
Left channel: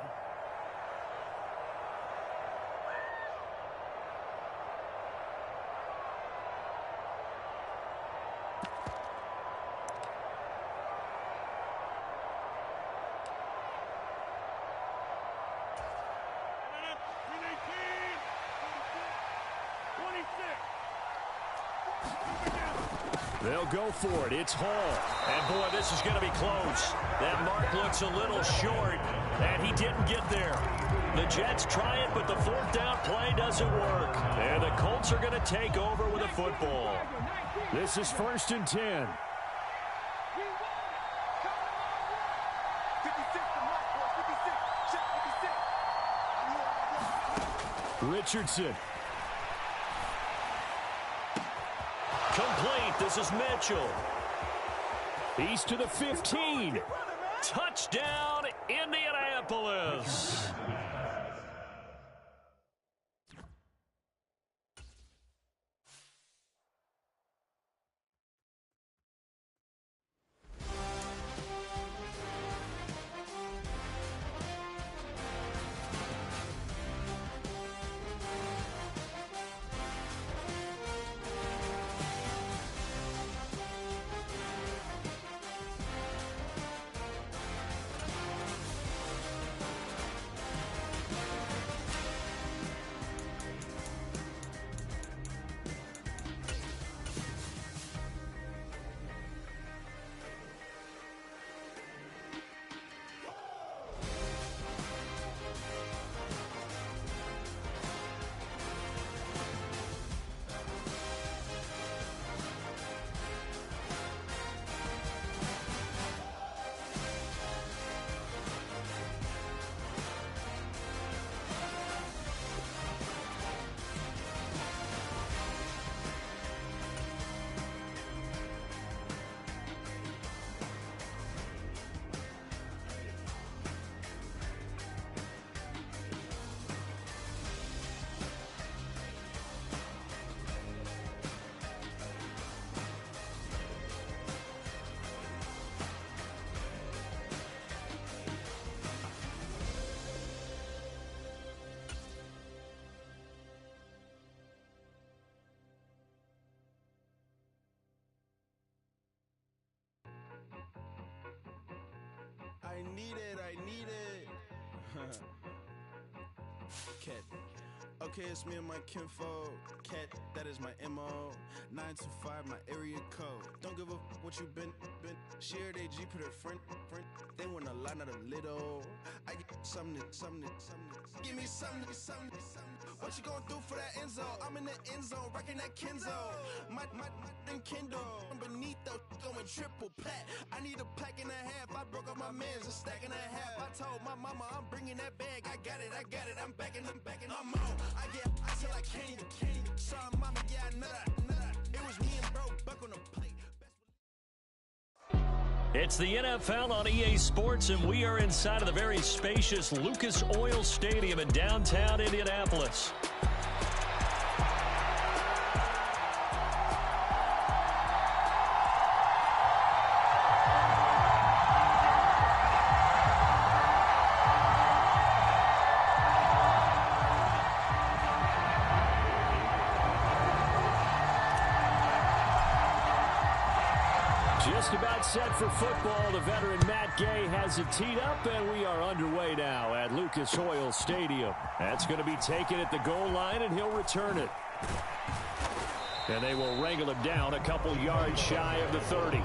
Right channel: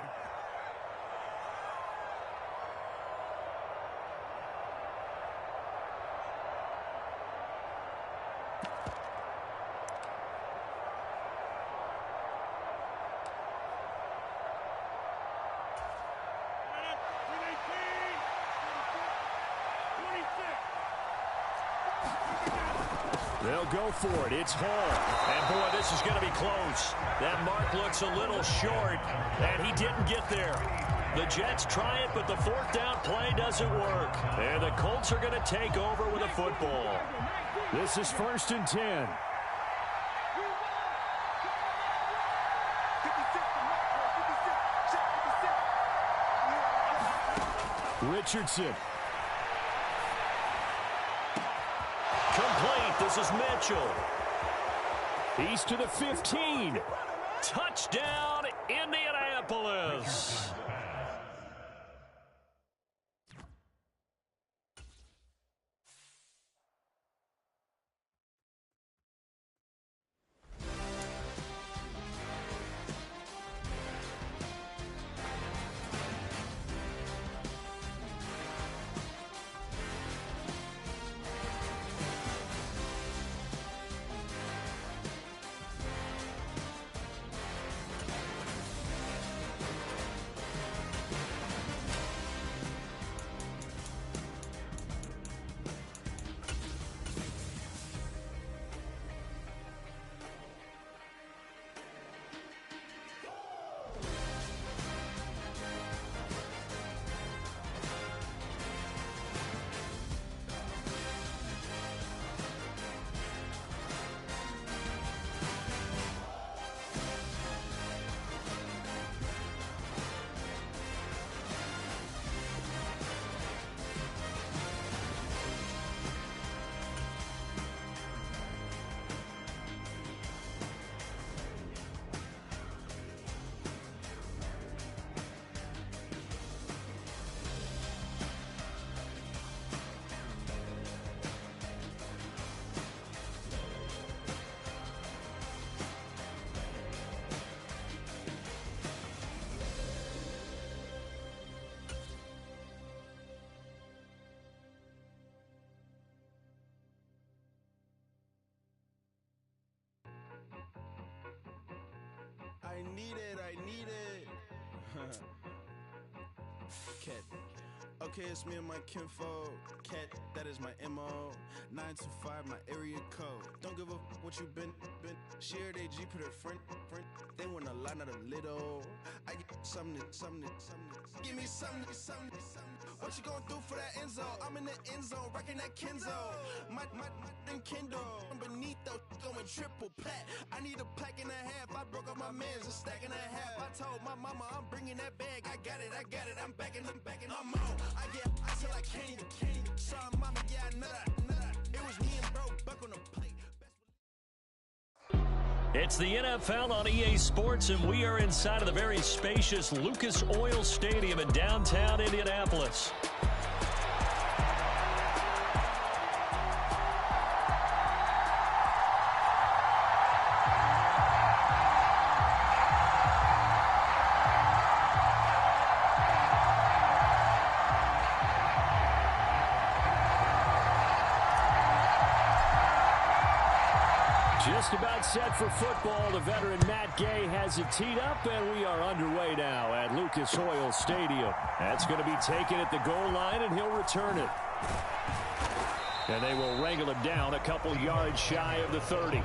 They'll go for it. It's Hall. And, boy, this is going to be close. That mark looks a little short, and he didn't get there. The Jets try it, but the 4th down play doesn't work. And the Colts are going to take over with a football. This is 1st and 10. Richardson. Complete. This is Mitchell. He's to the 15. Touchdown, Indianapolis. I need it. Cat. Okay, it's me and my kinfolk. Cat, that is my MO. 925, my area code. Don't give a what you been. Shared AG, put her friend. They want a lot, not a little. I get something. Give me something. What you gonna do for that end zone? I'm in the end zone, rocking that Kenzo. My Kindle. Beneath though, going triple plat. I need a pack and a half. I broke up my man's a stack and a half. I told my mama I'm bringing that bag. I got it. I'm backing. I'm on. I get till I can't even. Sorry, mama, yeah, I know that. It was me and bro, buck on the plate. It's the NFL on EA Sports, and we are inside of the very spacious Lucas Oil Stadium in downtown Indianapolis. Just about set for football. The veteran Matt Gay has it teed up, and we are underway now at Lucas Oil Stadium. That's going to be taken at the goal line, and he'll return it. And they will wrangle him down a couple yards shy of the 30.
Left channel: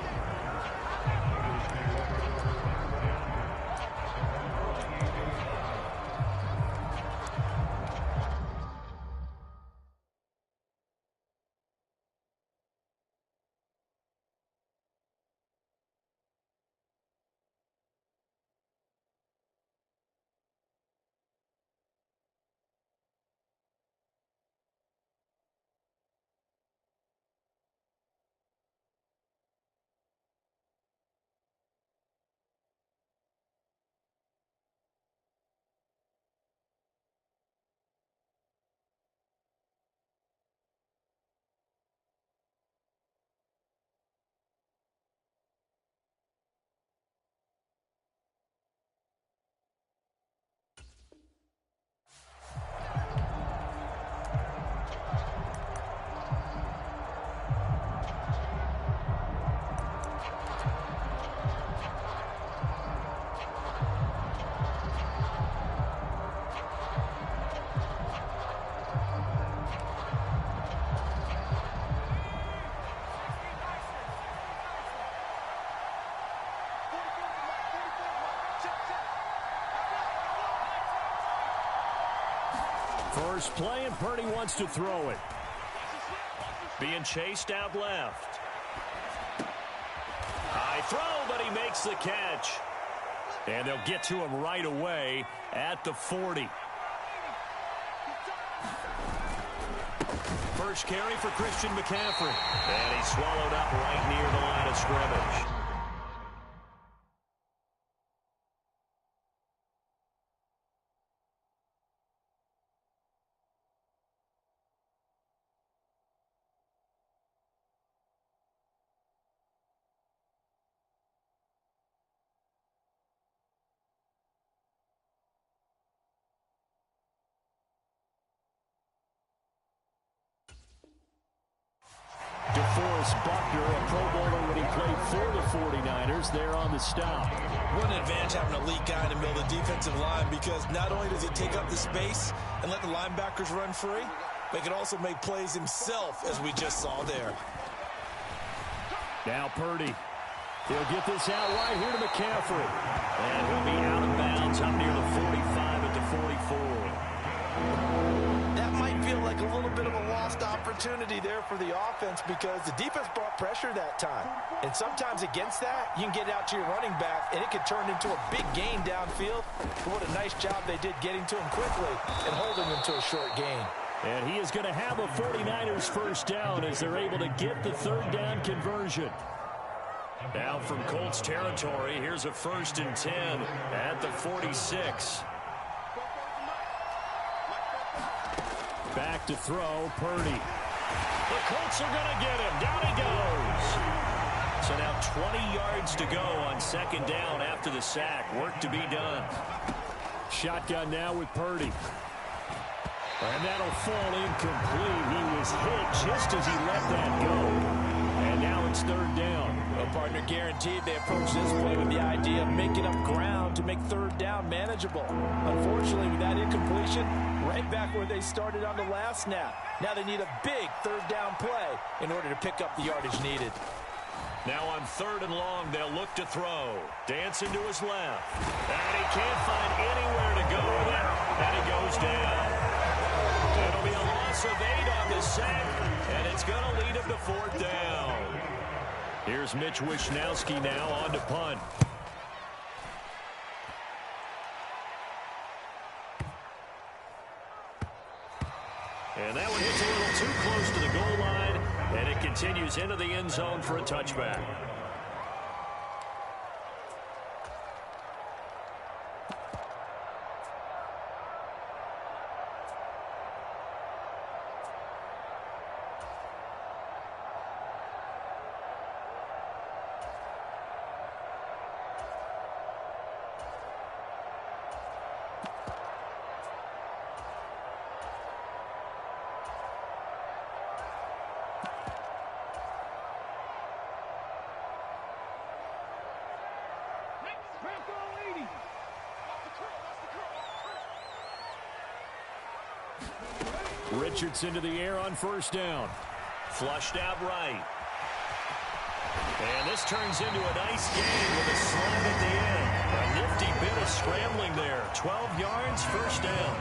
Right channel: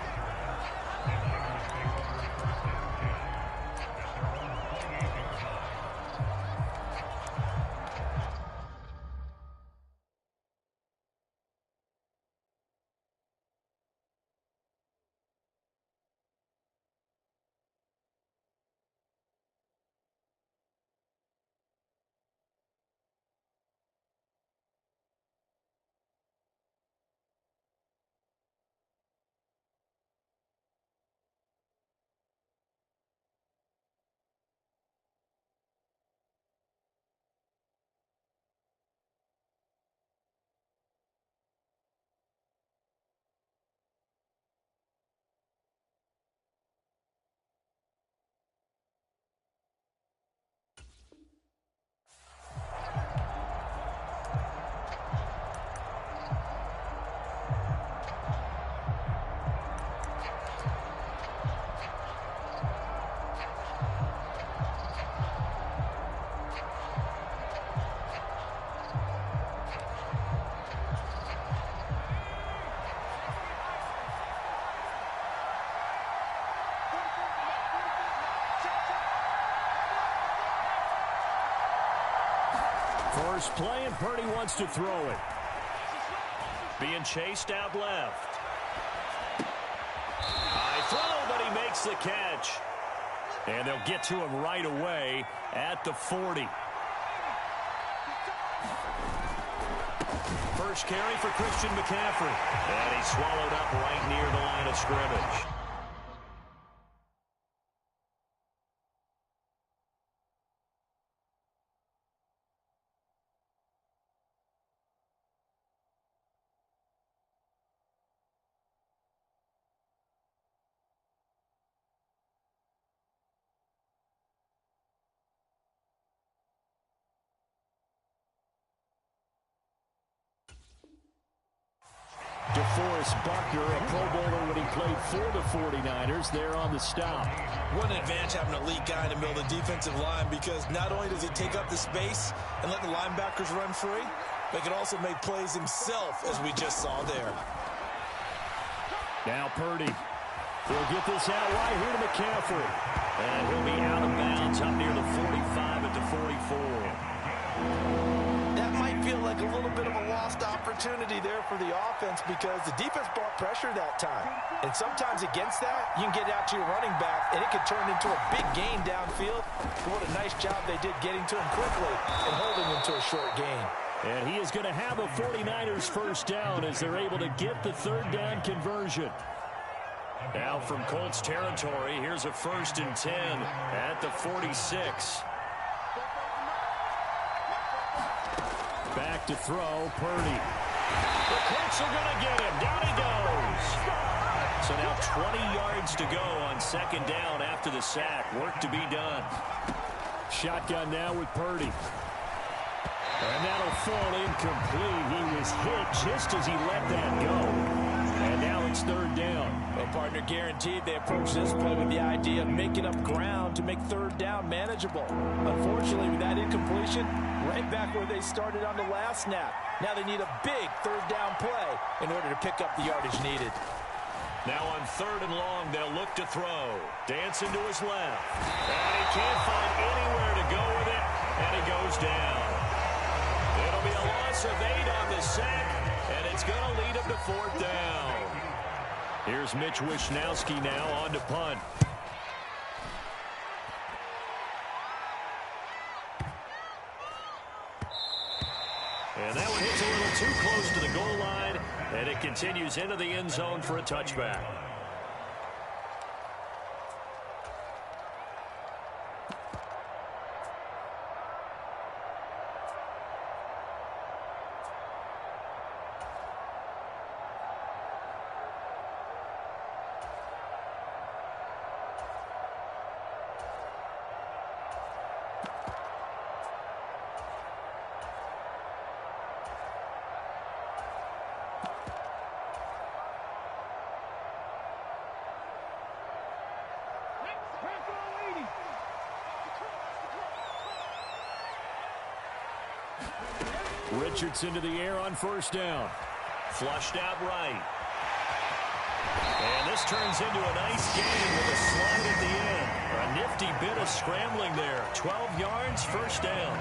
First play, and Purdy wants to throw it. Being chased out left. High throw, but he makes the catch. And they'll get to him right away at the 40. First carry for Christian McCaffrey. And he's swallowed up right near the line of scrimmage. DeForest Buckner, a Pro Bowler when he played for the 49ers, there on the stop. What an advantage having an elite guy in the middle of the defensive line, because not only does he take up the space and let the linebackers run free, but he can also make plays himself, as we just saw there. Now Purdy. He'll get this out right here to McCaffrey. And he'll be out of bounds up near the 45 at the 44. That might feel like a little bit of a lost opportunity there for the offense, because the defense brought pressure that time. And sometimes against that, you can get out to your running back, and it can turn into a big gain downfield. But what a nice job they did getting to him quickly and holding him to a short gain. And he is going to have a 49ers first down as they're able to get the third down conversion. Now from Colts territory, here's a 1st and 10 at the 46. Back to throw, Purdy. The Colts are going to get him. Down he goes. So now 20 yards to go on 2nd down after the sack. Work to be done. Shotgun now with Purdy. And that'll fall incomplete. He was hit just as he let that go. And now it's 3rd down. Well, partner, guaranteed they approach this play with the idea of making up ground to make 3rd down manageable. Unfortunately, with that incompletion, right back where they started on the last snap. Now they need a big 3rd down play in order to pick up the yardage needed. Now on 3rd and long, they'll look to throw. Dancing to his left. And he can't find anywhere to go with it. And he goes down. It'll be a loss of 8 on the sack, and it's going to lead him to 4th down. Here's Mitch Wishnowski now on to punt. And that one hits a little too close to the goal line, and it continues into the end zone for a touchback. Richardson to the air on 1st down. Flushed out right. And this turns into a nice game with a slide at the end. A nifty bit of scrambling there. 12 yards, 1st down.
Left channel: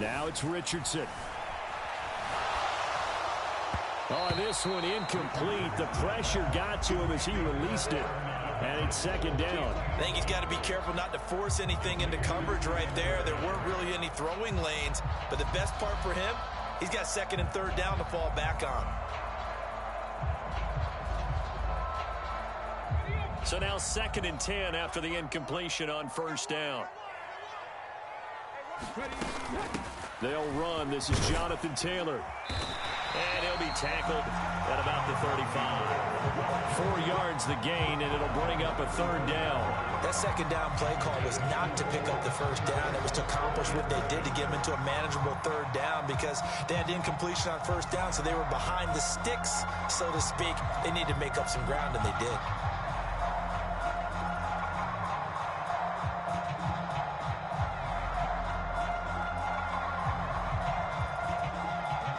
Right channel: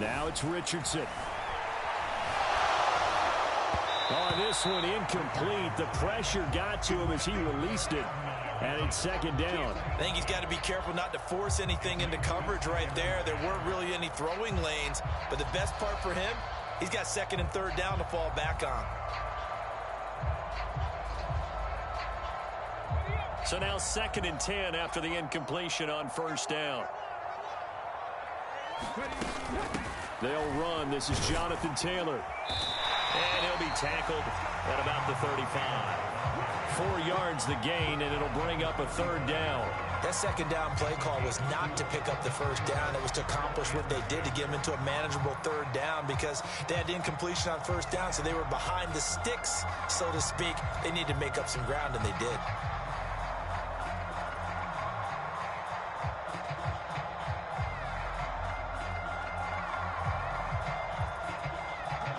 Now it's Richardson. Oh, this one incomplete. The pressure got to him as he released it. And it's 2nd down. I think he's got to be careful not to force anything into coverage right there. There weren't really any throwing lanes. But the best part for him, he's got 2nd and 3rd down to fall back on. So now 2nd and 10 after the incompletion on 1st down. They'll run. This is Jonathan Taylor. And he'll be tackled at about the 35. 4 yards the gain, and it'll bring up a 3rd down. That 2nd down play call was not to pick up the 1st down. It was to accomplish what they did to get them into a manageable 3rd down, because they had incompletion on 1st down, so they were behind the sticks, so to speak. They needed to make up some ground, and they did.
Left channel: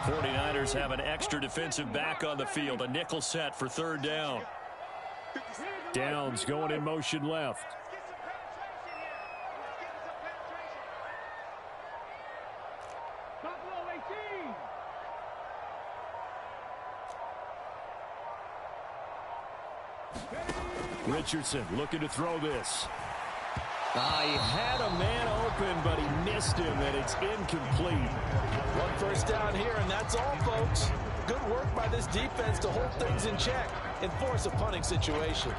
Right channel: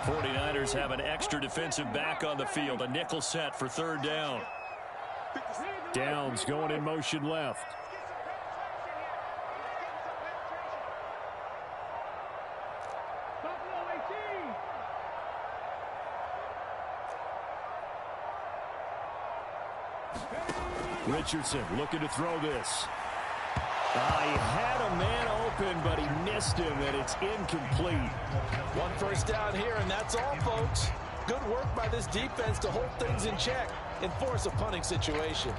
49ers have an extra defensive back on the field. A nickel set for third down. Downs going in motion left. Richardson looking to throw this. He had a man open, but he missed him, and it's incomplete. One first down here, and that's all, folks. Good work by this defense to hold things in check and force a punting situation.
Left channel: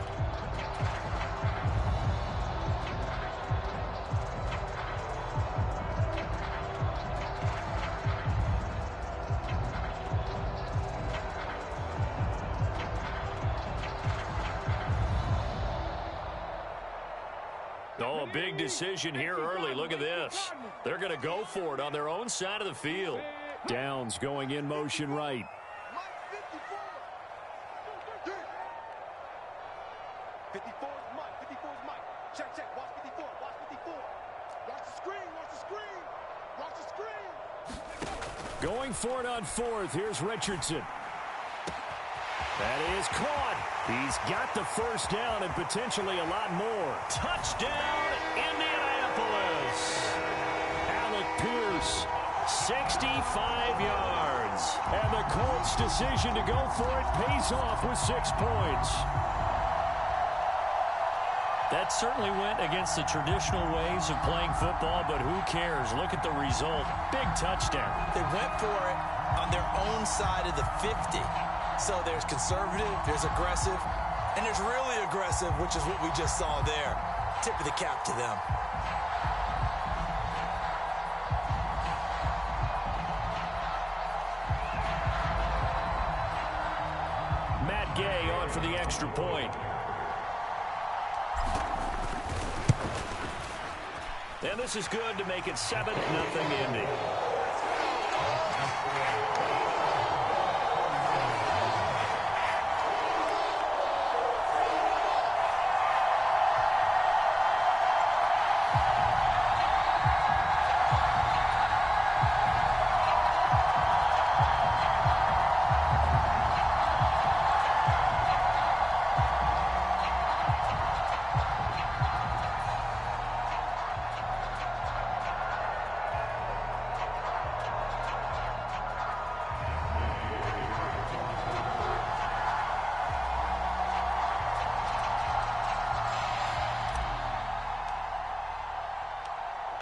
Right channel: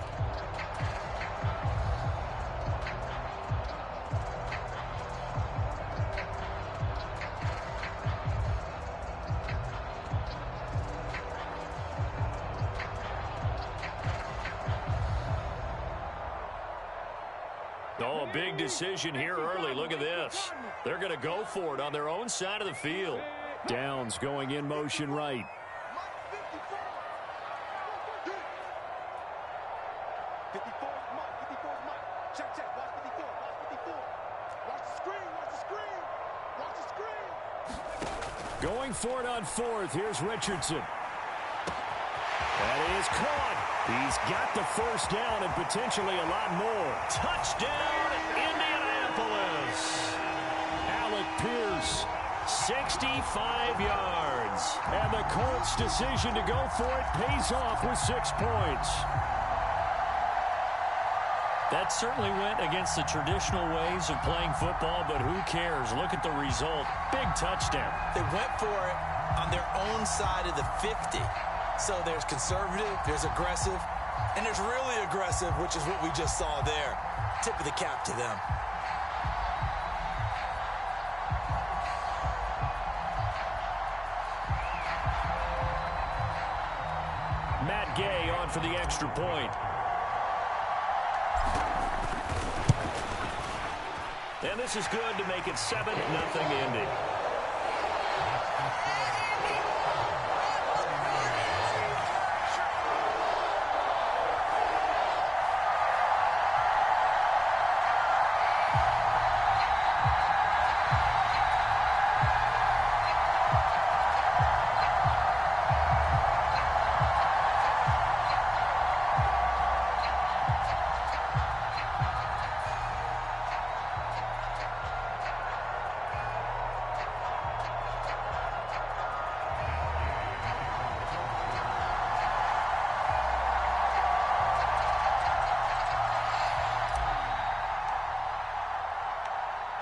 Oh, a big decision here early. Look at this. They're going to go for it on their own side of the field. Downs going in motion right. Going for it on fourth. Here's Richardson. That is caught. He's got the first down and potentially a lot more. Touchdown, Indianapolis. Alec Pierce, 65 yards. And the Colts' decision to go for it pays off with 6 points. That certainly went against the traditional ways of playing football, but who cares? Look at the result. Big touchdown. They went for it on their own side of the 50. So there's conservative, there's aggressive, and there's really aggressive, which is what we just saw there. Tip of the cap to them. Matt Gay on for the extra point. And this is good to make it 7-0 Indy.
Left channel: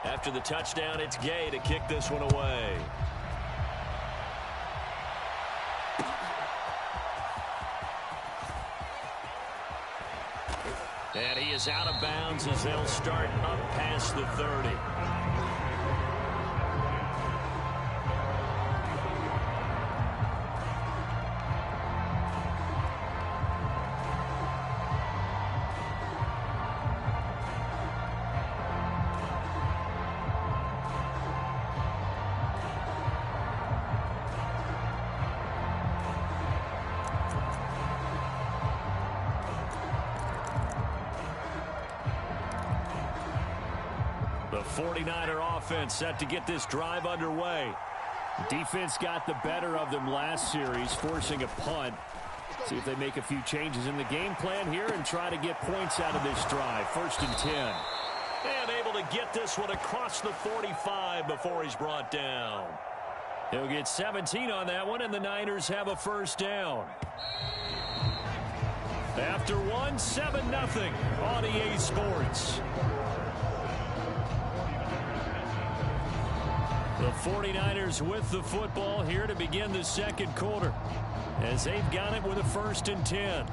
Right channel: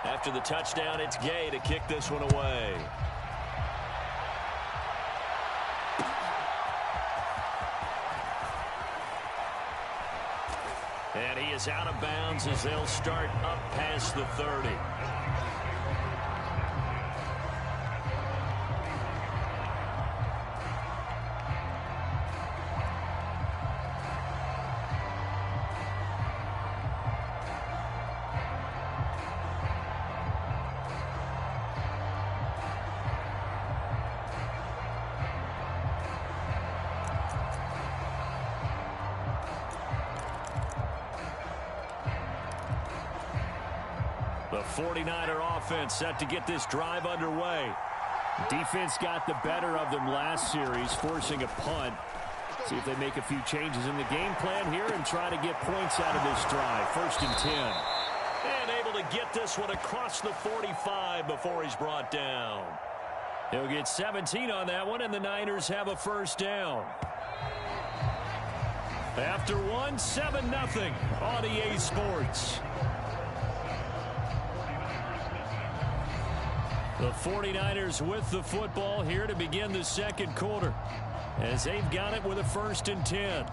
After the touchdown, it's Gay to kick this one away. And he is out of bounds as they'll start up past the 30. The 49er offense set to get this drive underway. Defense got the better of them last series, forcing a punt. See if they make a few changes in the game plan here and try to get points out of this drive. 1st and 10. And able to get this one across the 45 before he's brought down. He'll get 17 on that one, and the Niners have a first down. After one, 7-0 on EA Sports. The 49ers with the football here to begin the second quarter, as they've got it with a 1st and 10.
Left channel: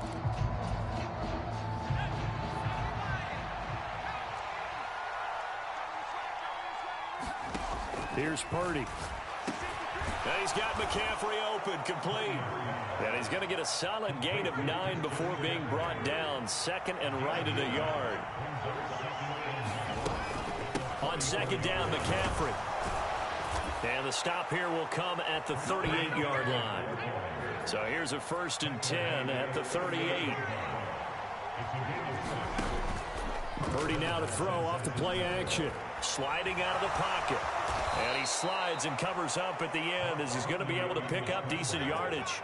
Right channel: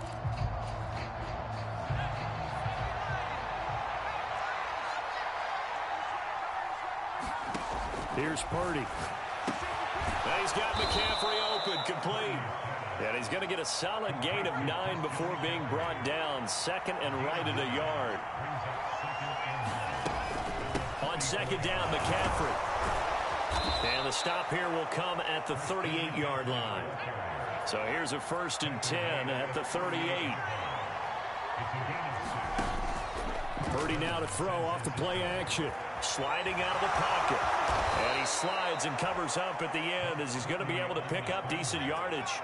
Here's Purdy. And he's got McCaffrey open, complete. And he's going to get a solid gain of 9 before being brought down. 2nd and right at a yard. On 2nd down, McCaffrey. And the stop here will come at the 38-yard line. So here's a 1st and 10 at the 38. Purdy now to throw off the play action. Sliding out of the pocket. And he slides and covers up at the end as he's going to be able to pick up decent yardage.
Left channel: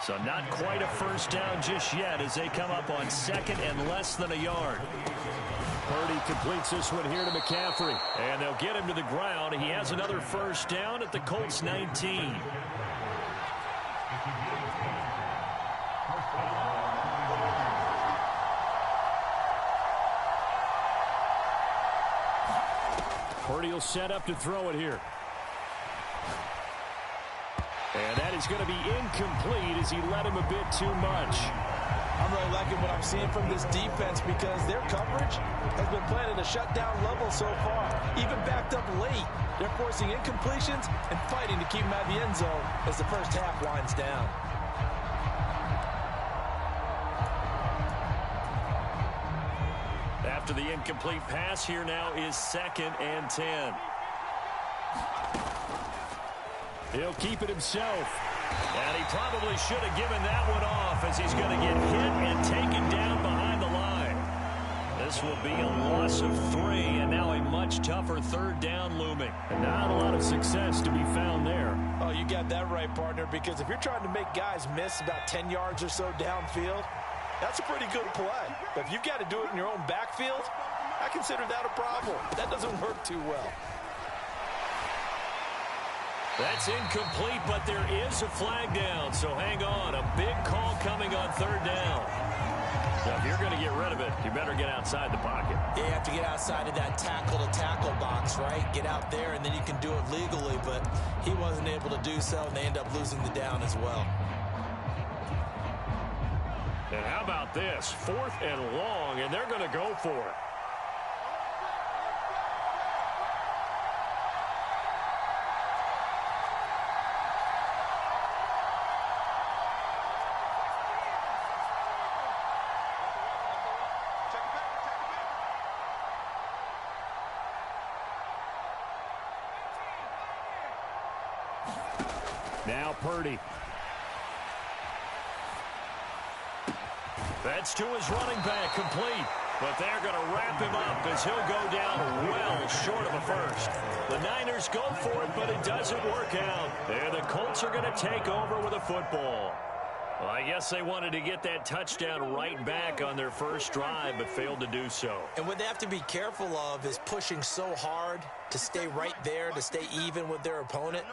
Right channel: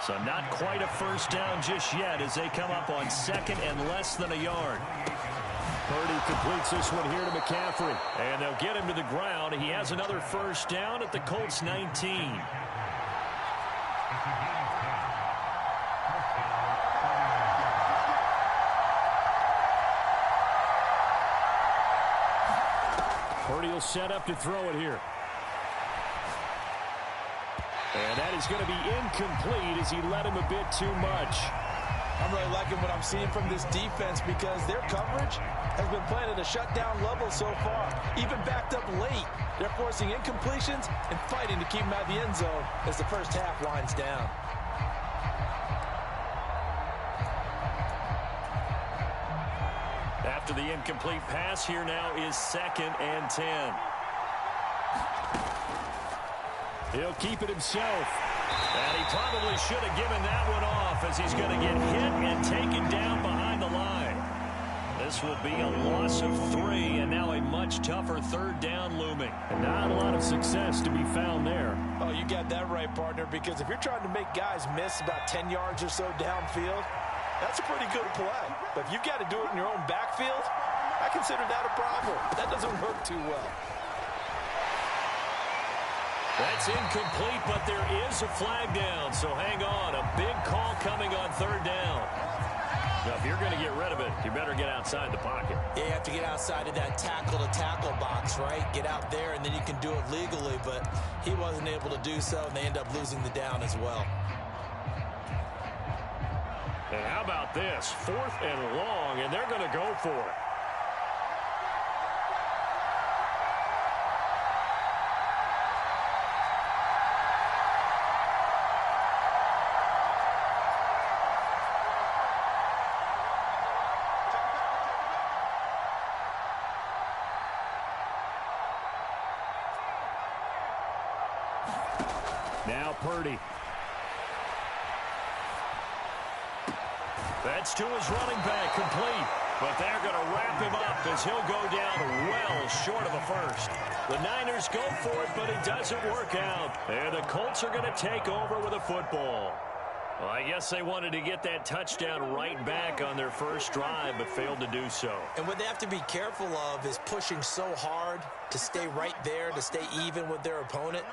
So not quite a first down just yet as they come up on second and less than a yard. Purdy completes this one here to McCaffrey. And they'll get him to the ground. He has another first down at the Colts 19. Purdy will set up to throw it here. And that is going to be incomplete as he led him a bit too much. I'm really liking what I'm seeing from this defense because their coverage has been playing at a shutdown level so far. Even backed up late, they're forcing incompletions and fighting to keep them out of the end zone as the first half winds down. After the incomplete pass, here now is 2nd and 10. He'll keep it himself. And he probably should have given that one off as he's going to get hit and taken down behind the line. This will be a loss of 3, and now a much tougher 3rd down looming. And not a lot of success to be found there. Oh, you got that right, partner, because if you're trying to make guys miss about 10 yards or so downfield, that's a pretty good play. But if you've got to do it in your own backfield, I consider that a problem. That doesn't work too well. That's incomplete, but there is a flag down, so hang on. A big call coming on 3rd down. Now, if you're going to get rid of it, you better get outside the pocket. Yeah, you have to get outside of that tackle-to-tackle box, right? Get out there, and then you can do it legally, but he wasn't able to do so, and they end up losing the down as well. And how about this? 4th and long, and they're going to go for it. Now Purdy. That's to his running back, complete. But they're going to wrap him up as he'll go down well short of a first. The Niners go for it, but it doesn't work out. And the Colts are going to take over with a football. Well, I guess they wanted to get that touchdown right back on their first drive, but failed to do so. And what they have to be careful of is pushing so hard to stay right there, to stay even with their opponent,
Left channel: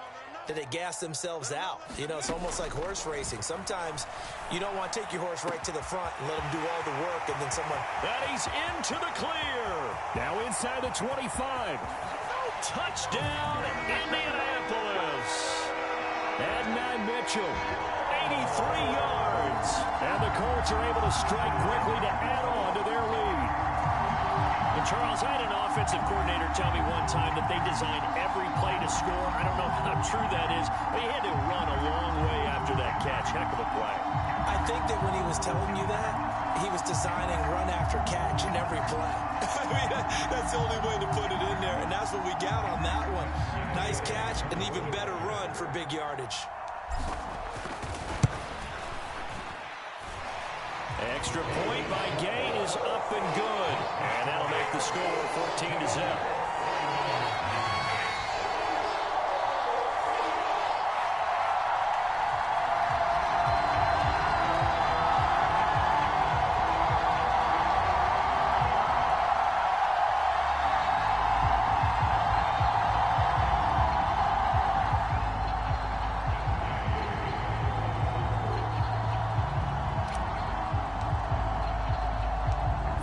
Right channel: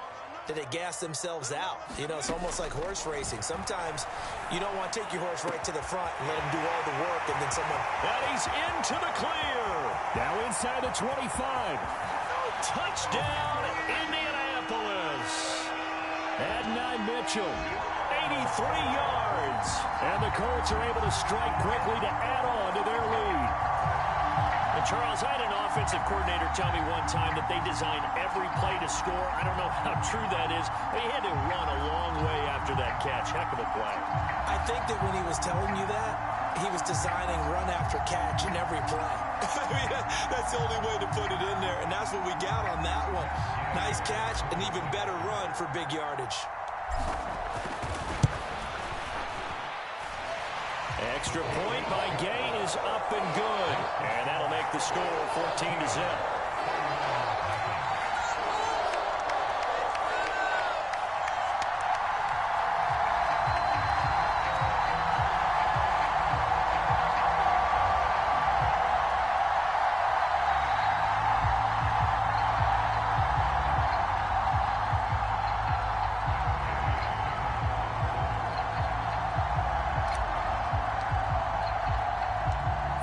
that they gas themselves out. You know, it's almost like horse racing. Sometimes you don't want to take your horse right to the front and let him do all the work, and then someone... And he's into the clear. Now inside the 25. Touchdown, Indianapolis. Adonai Mitchell, 83 yards. And the Colts are able to strike quickly to add on to their lead. And Charles, I had an offensive coordinator tell me one time that they design every play to score. I don't know how true that is, but he had to run a long way after that catch. Heck of a play. I think that when he was telling you that, he was designing run after catch in every play. I mean, that's the only way to put it in there, and that's what we got on that one. Nice catch, an even better run for big yardage. Extra point by Gay is up and good. And that'll make the score 14-0.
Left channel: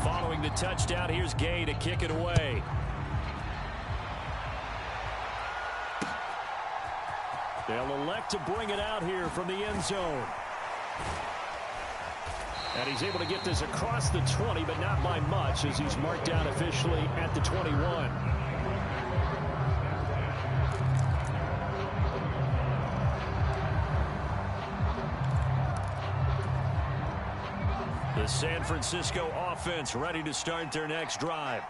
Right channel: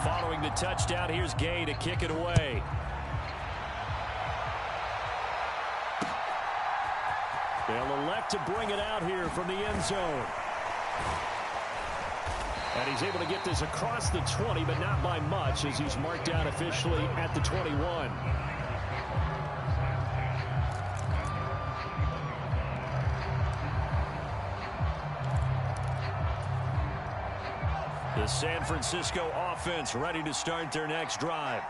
Following the touchdown, here's Gay to kick it away. They'll elect to bring it out here from the end zone. And he's able to get this across the 20, but not by much, as he's marked out officially at the 21. The San Francisco offense ready to start their next drive.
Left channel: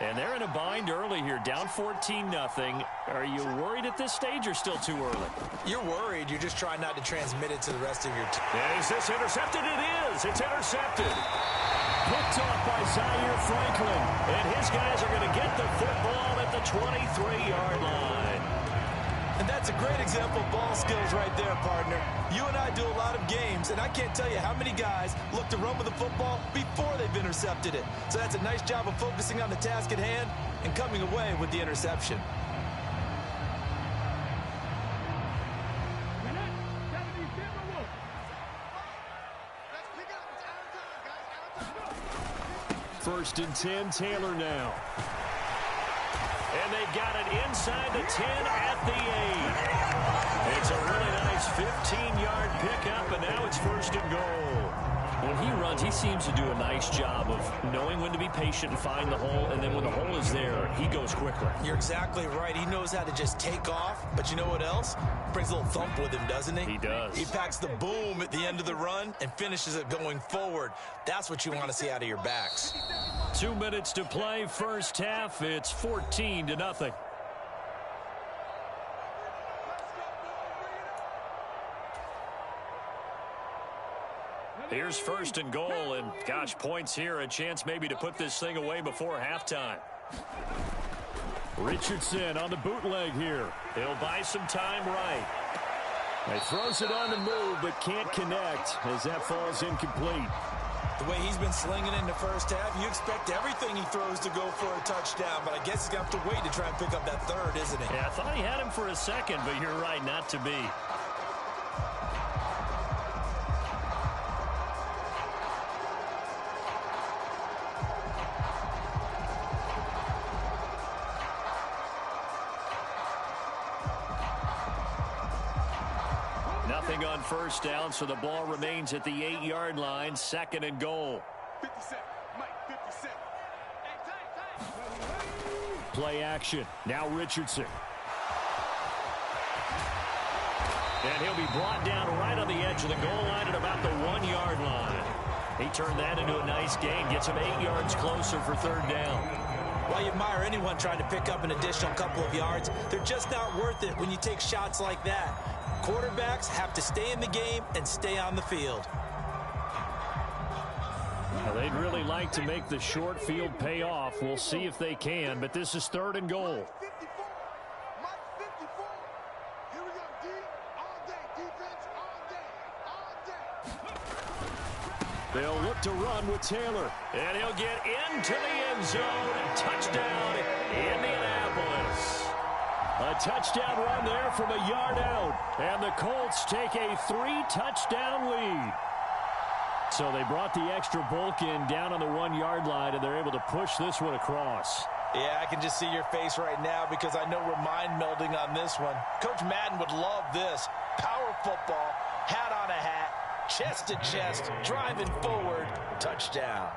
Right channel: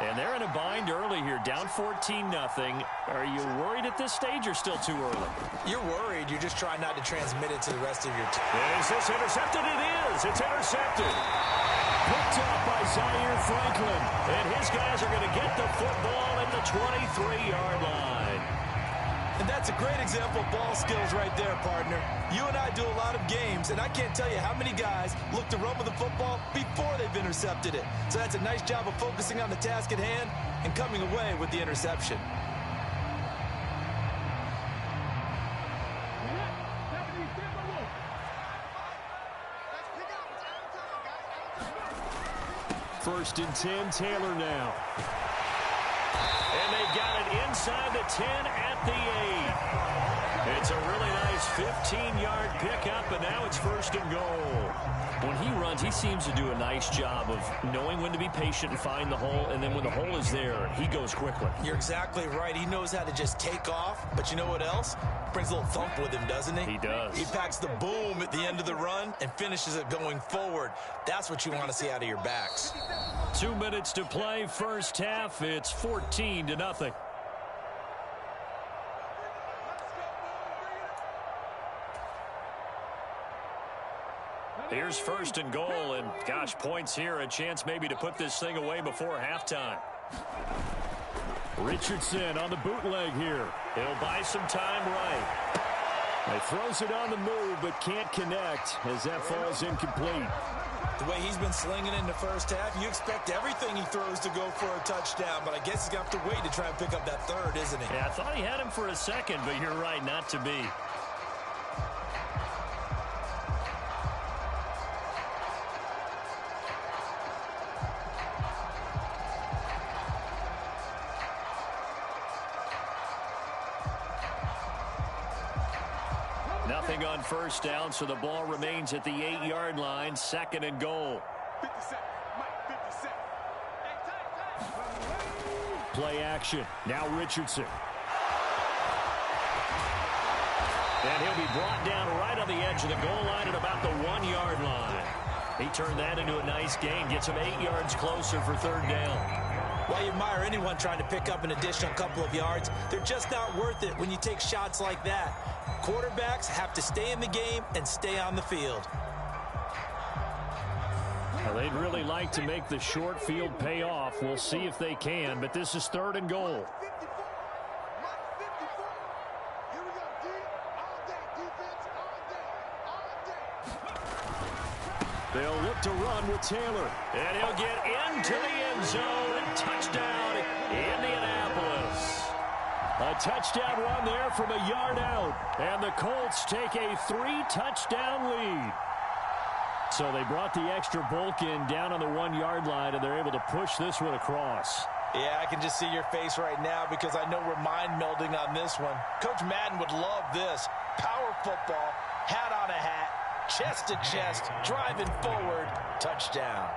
And they're in a bind early here, down 14-0. Are you worried at this stage or still too early? You're worried. You're just trying not to transmit it to the rest of your team. Is this intercepted? It is. It's intercepted. picked off by Zaire Franklin. And his guys are going to get the football at the 23-yard line. And that's a great example of ball skills right there, partner. You and I do a lot of games, and I can't tell you how many guys look to run with the football before they've intercepted it. So that's a nice job of focusing on the task at hand and coming away with the interception. First and 10, Taylor now. And they've got it inside the 10 at the 8. It's a really nice 15-yard pickup, and now it's first and goal. When he runs, he seems to do a nice job of knowing when to be patient and find the hole, and then when the hole is there, he goes quickly. You're exactly right. He knows how to just take off, but you know what else? Brings a little thump with him, doesn't he? He does. He packs the boom at the end of the run and finishes it going forward. That's what you want to see out of your backs. 2 minutes to play, first half. It's 14-0. Here's first and goal, and gosh, points here, a chance maybe to put this thing away before halftime. Richardson on the bootleg here. He'll buy some time right. He throws it on the move, but can't connect as that falls incomplete. The way he's been slinging in the first half, you expect everything he throws to go for a touchdown, but I guess he's going to have to wait to try and pick up that third, isn't he? Yeah, I thought he had him for a second, but you're right, not to be. Nothing on first down, so the ball remains at the 8-yard line, second and goal. 57, Mike, 57. Hey, Play action. Now Richardson. And he'll be brought down right on the edge of the goal line at about the 1-yard line. He turned that into a nice gain, gets him 8 yards closer for third down. While you admire anyone trying to pick up an additional couple of yards, they're just not worth it when you take shots like that. Quarterbacks have to stay in the game and stay on the field. Well, they'd really like to make the short field pay off. We'll see if they can, but this is third and goal. 54, Mike 54. Here we go, D. All day, defense, all day, all day. They'll look to run with Taylor, and he'll get into the end zone. Touchdown, Indianapolis. A touchdown run there from a yard out, and the Colts take a 3-touchdown lead. So they brought the extra bulk in down on the 1-yard line, and they're able to push this one across. Yeah, I can just see your face right now because I know we're mind melding on this one. Coach Madden would love this. Power football, hat on a hat, chest to chest, driving forward, touchdown.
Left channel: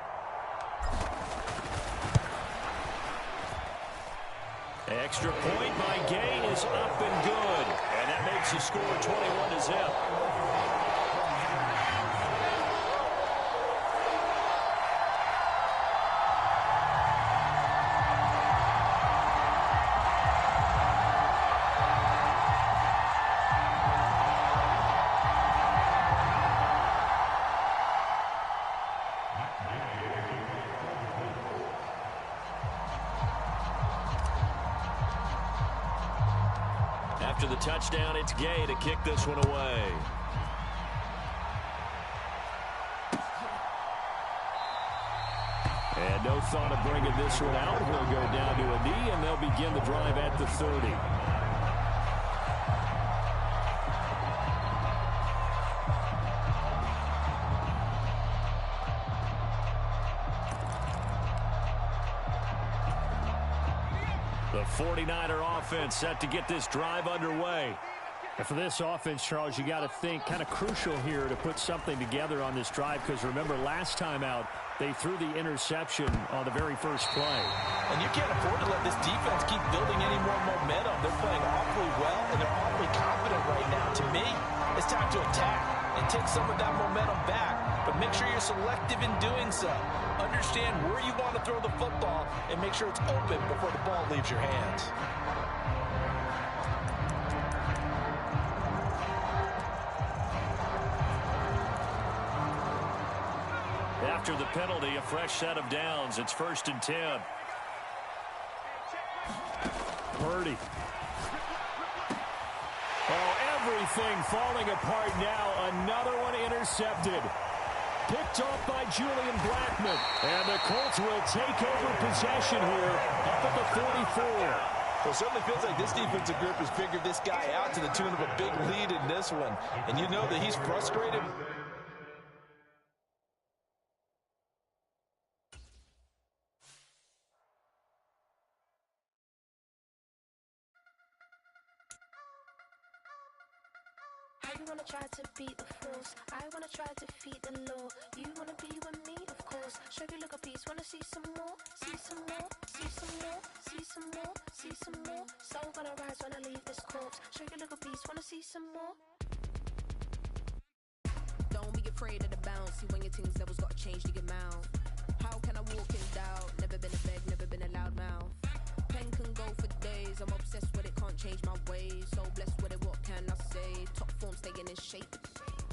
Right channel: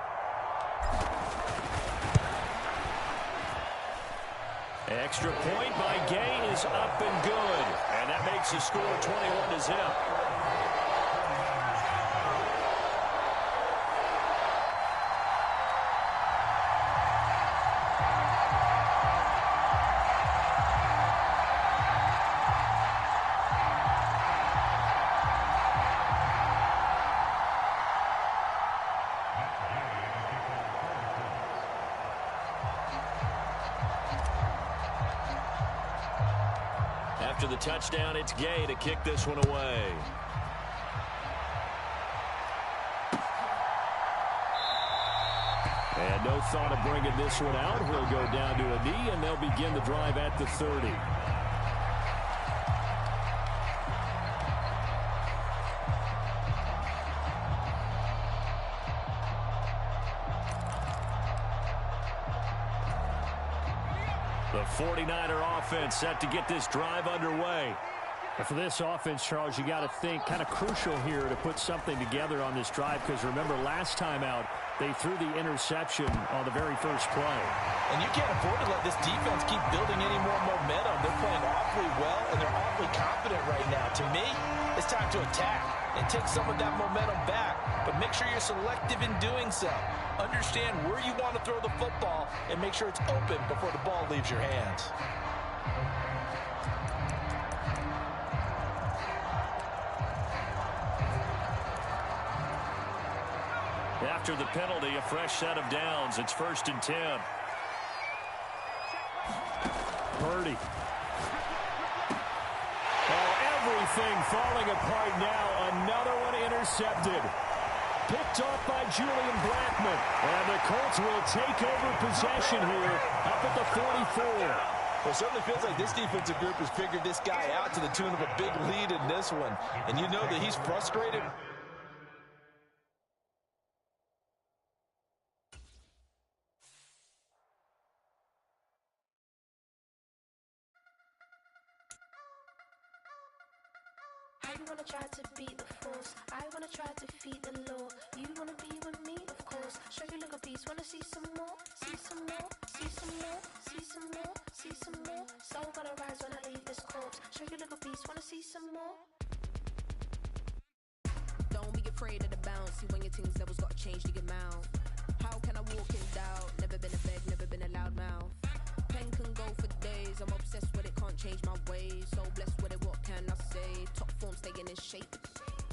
Extra point by Gay is up and good, and that makes the score 21-0. After the touchdown, it's Gay to kick this one away. And no thought of bringing this one out. He'll go down to a knee, and they'll begin the drive at the 30. The 49er offense set to get this drive underway. And for this offense, Charles, you got to think kind of crucial here to put something together on this drive, because remember last time out they threw the interception on the very first play. And you can't afford to let this defense keep building any more momentum. They're playing awfully well, and they're awfully confident right now. To me, it's time to attack and take some of that momentum back. But make sure you're selective in doing so. Understand where you want to throw the football and make sure it's open before the ball leaves your hands. After the penalty, a fresh set of downs. It's 1st and 10. Purdy. Oh, everything falling apart now. Another one intercepted. Picked off by Julian Blackmon. And the Colts will take over possession here up at the 44. Well, it certainly feels like this defensive group has figured this guy out to the tune of a big lead in this one. And you know that he's frustrated. You wanna try to beat the force, I wanna try to defeat the law. You wanna be with me, of course. Show you look a piece, wanna see some more, see some more, see some more, see some more, see some more. Soul gonna rise when I leave this corpse. Show you look a piece, wanna see some more. Don't be afraid of the bounce. See when your things levels gotta change to get mouth. How can I walk in doubt? Never been a beg, never been a loud mouth. Pen can go for days. I'm obsessed with it, can't change my ways. So blessed with it, what can I say? Top form staying in shape.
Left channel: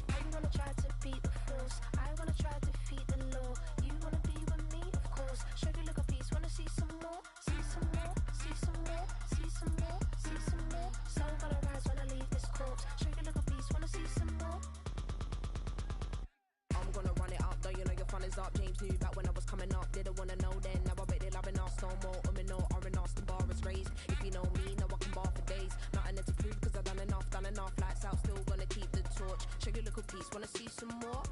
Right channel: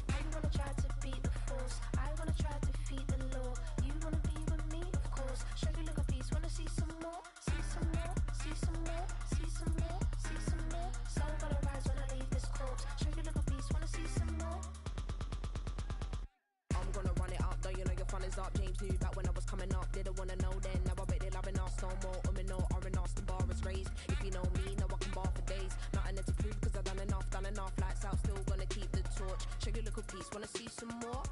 You wanna try to beat the force, I wanna try to defeat the law. You wanna be with me, of course. Show you look a piece, wanna see some more, see some more, see some more, see some more, see some more. Soul gonna rise when I leave this corpse. Show you look a piece, wanna see some more. I'm gonna run it up, though you know your fun is up. James knew back when I was coming up. Didn't wanna know then, now I bet they're loving us no more. No, R&R's the bar is raised. If you know me, know I can bar for days. Nothing to prove, cause I've done enough, lights out, still gonna keep the torch. Show you a little piece, wanna see some more?